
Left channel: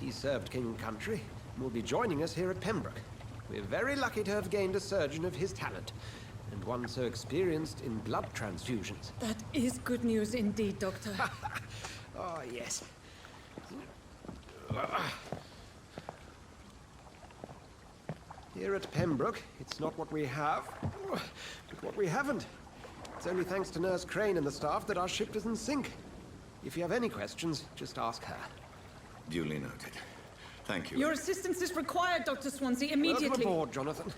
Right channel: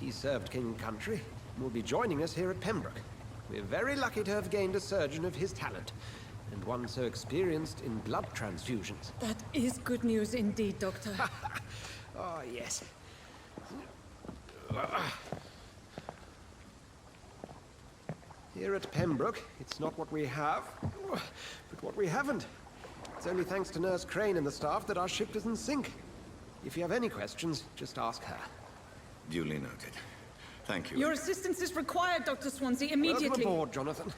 He served King and Country and will be joining us here at Pembroke. We're very lucky to have gained a surgeon of his talent, and one so experienced in blood transfusions. That is good news indeed, Doctor. Oh, yes. Here at Pembroke, it's not what we have, but what we haven't. It's only thanks to Nurse Crane and the staff that our ship doesn't sink. If you have any questions, just ask her. Duly noted. Thank you. Your assistance is required, Dr. Swansea, immediately. Welcome aboard, Jonathan.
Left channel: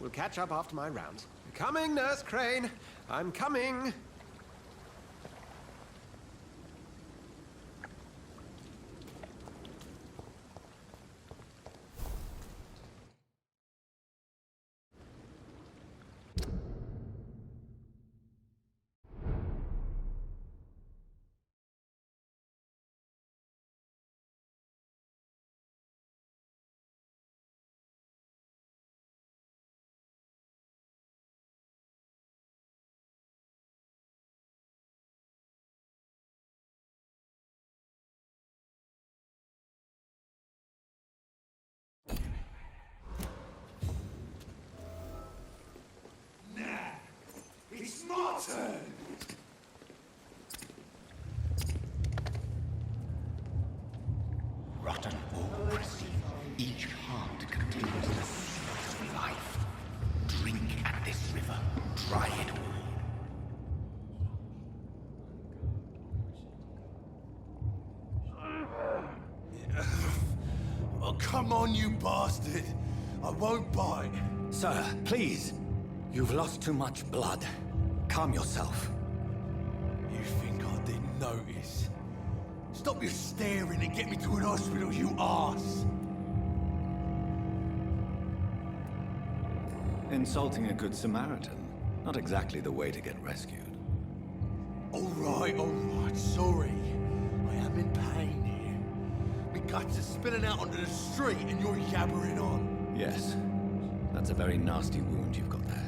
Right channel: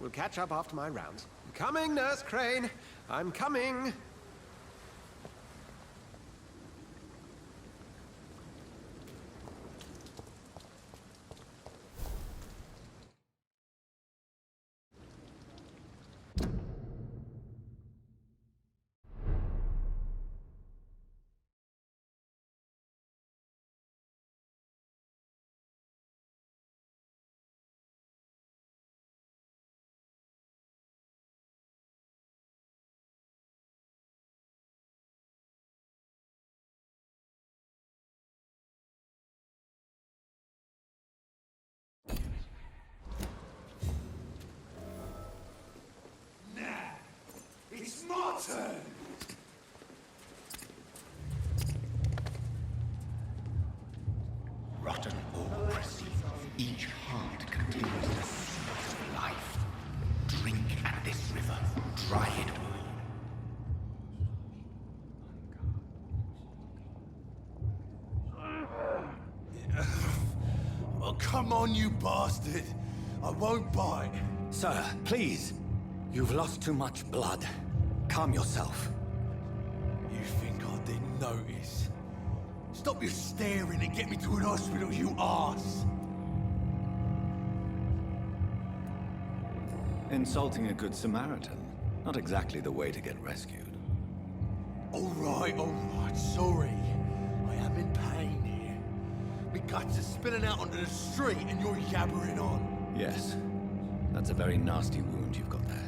We'll catch up after my rounds. Coming, Nurse Crane. I'm coming. It's my turn! Rotten or crusty, each heart contains the secret of life. Drink at this river, dry it all. Oh, come on, you bastard! I won't bite. Sir, please. You've lost too much blood. Calm yourself. You think I didn't notice? Stop your staring and get me to an hospital, you arse! Insulting a good Samaritan. Not exactly the way to get rescued. All right, sorry. I am in pain here. My guts are spilling out onto the street and you're yabbering on. Yes. That's a very nasty wound you've got there.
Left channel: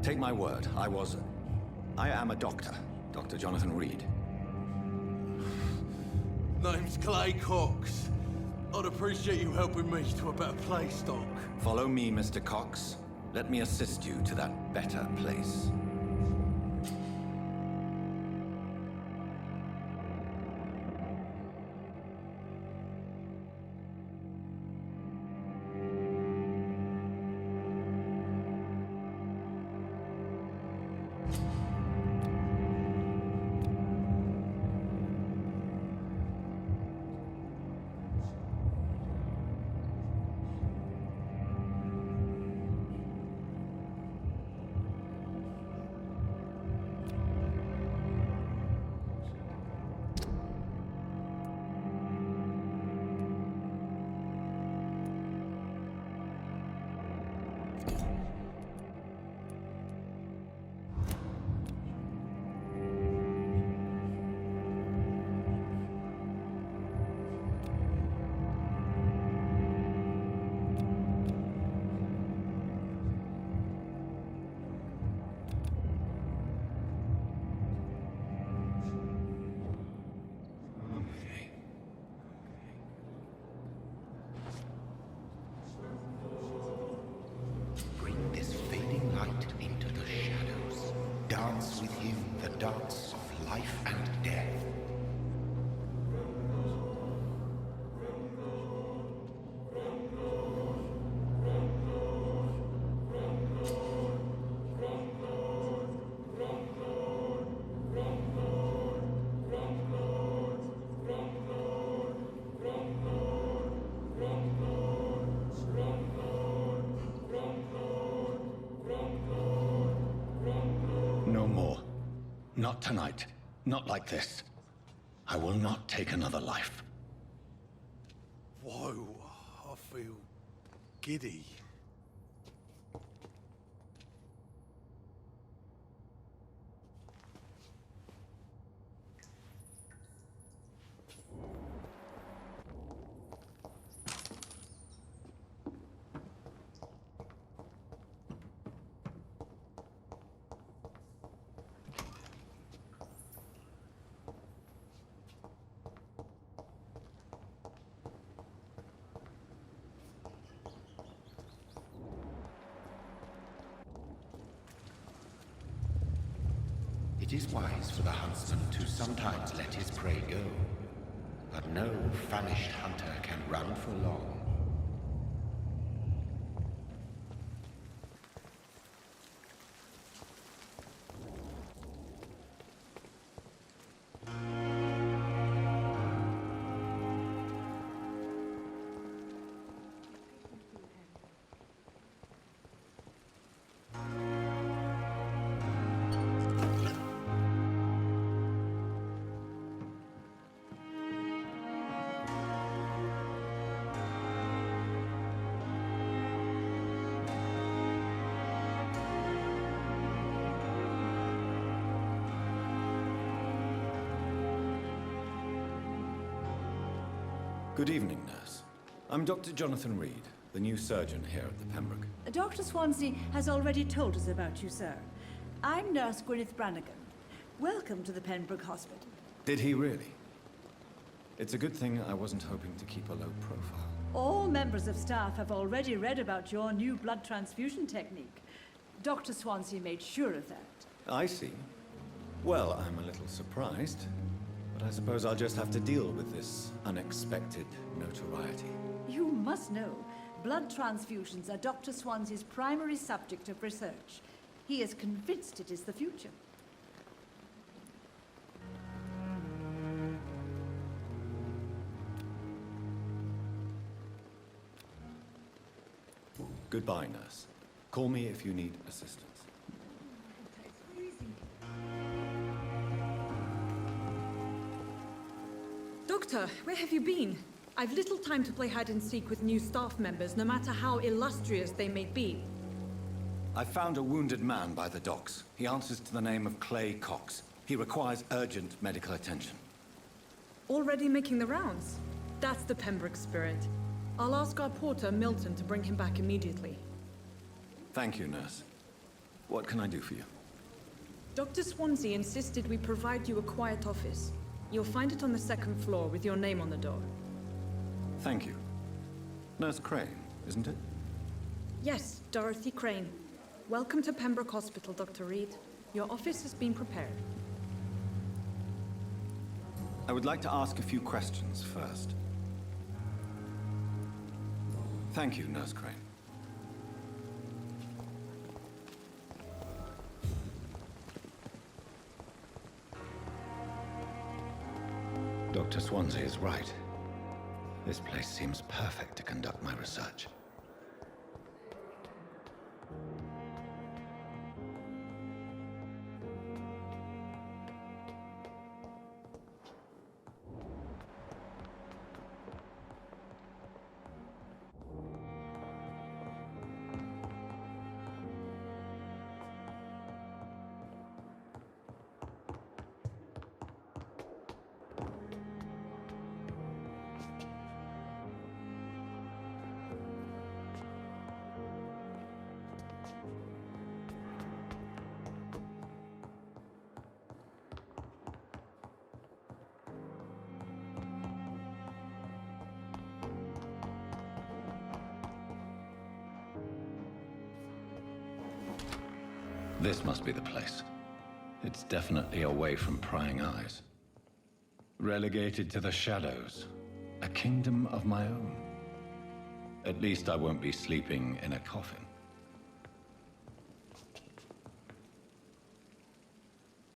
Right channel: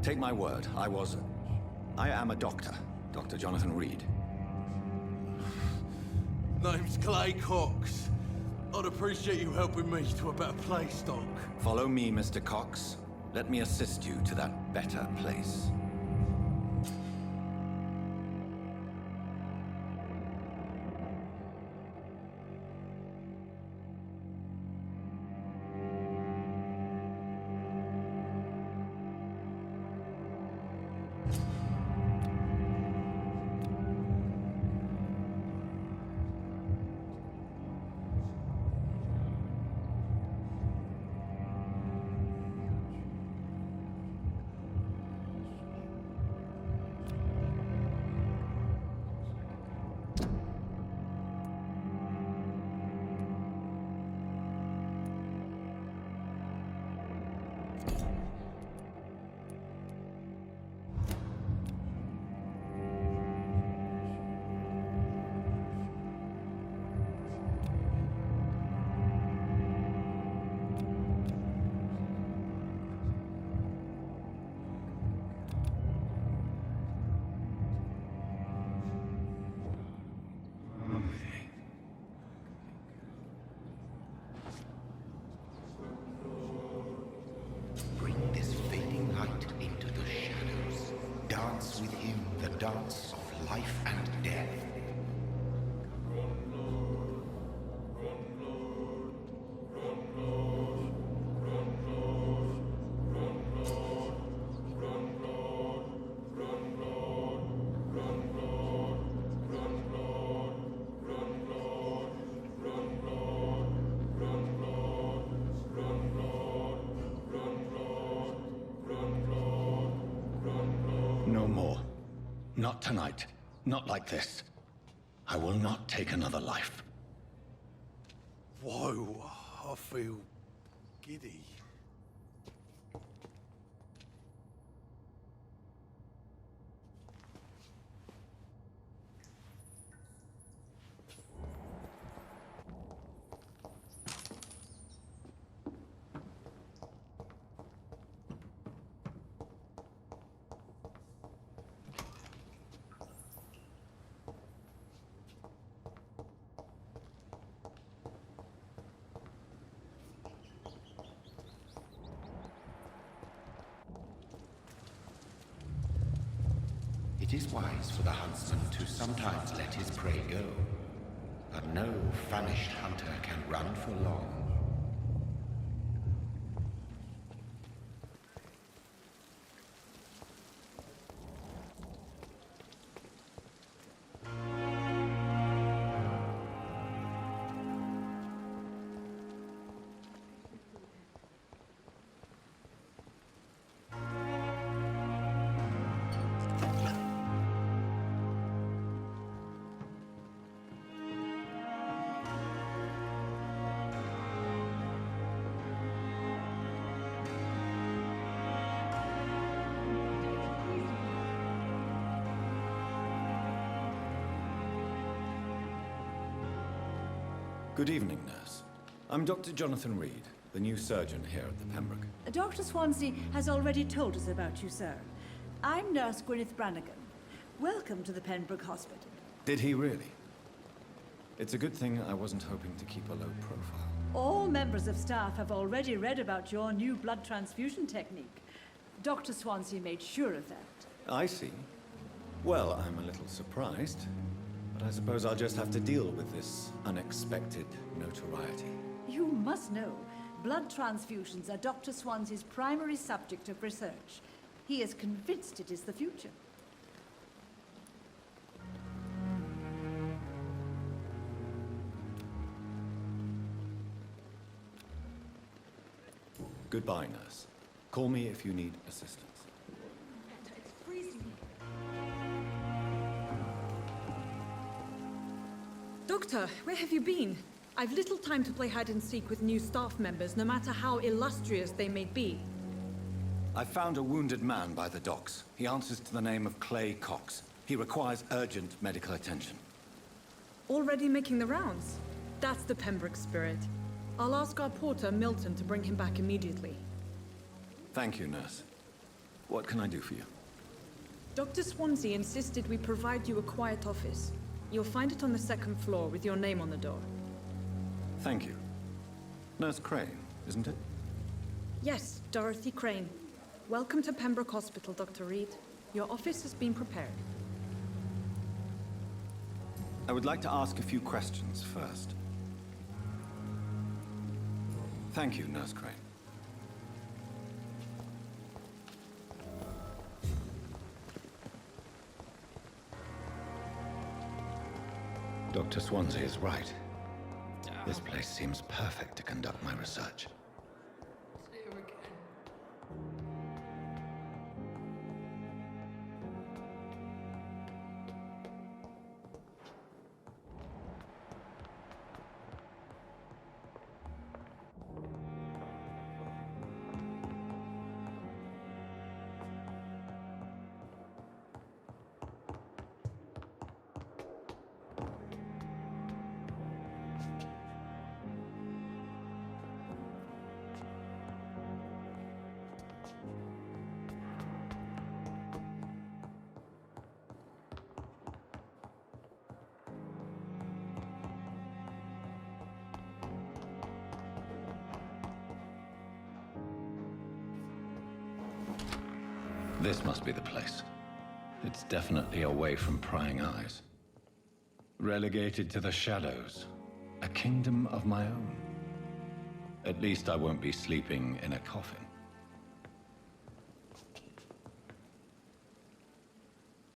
Take my word, I am a doctor. Dr. Jonathan Reed. Name's Clay Cox. I'd appreciate you helping me to a better place, Doc. Follow me, Mr. Cox. Let me assist you to that better place. Bring this fading light into the shadows. Dance with him the dance of life and death. No more. Not tonight. Not like this. I will not take another life. Whoa, I feel giddy. It is wise for the huntsman to sometimes let his prey go. But no famished hunter can run for long. Good evening, nurse. I'm Dr. Jonathan Reed, the new surgeon here at the Pembroke. Dr. Swansea has already told us about you, sir. I'm Nurse Gwyneth Brannigan. Welcome to the Pembroke Hospital. Did he really? It's a good thing I wasn't hoping to keep a low profile. All members of staff have already read about your new blood transfusion technique. Dr. Swansea made sure of that. I see. Well, I'm a little surprised, but I suppose I'll just have to deal with this unexpected notoriety. You must know, blood transfusions are Dr. Swansea's primary subject of research. He is convinced it is the future. Goodbye, nurse. Call me if you need assistance. Doctor, where have you been? I've little time to play hide and seek with new staff members, no matter how illustrious they may be. I found a wounded man by the docks. He answers to the name of Clay Cox. He requires urgent medical attention. Already making the rounds? That's the Pembroke spirit. I'll ask our porter, Milton, to bring him back immediately. Thank you, nurse. What can I do for you? Dr. Swansea insisted we provide you a quiet office. You'll find it on the second floor with your name on the door. Thank you. Nurse Crane, isn't it? Yes, Dorothy Crane. Welcome to Pembroke Hospital, Dr. Reed. Your office has been prepared. I would like to ask a few questions first. Thank you, Nurse Crane. Dr. Swansea is right. This place seems perfect to conduct my research. This must be the place. It's definitely away from prying eyes. Relegated to the shadows. A kingdom of my own. At least I won't be sleeping in a coffin.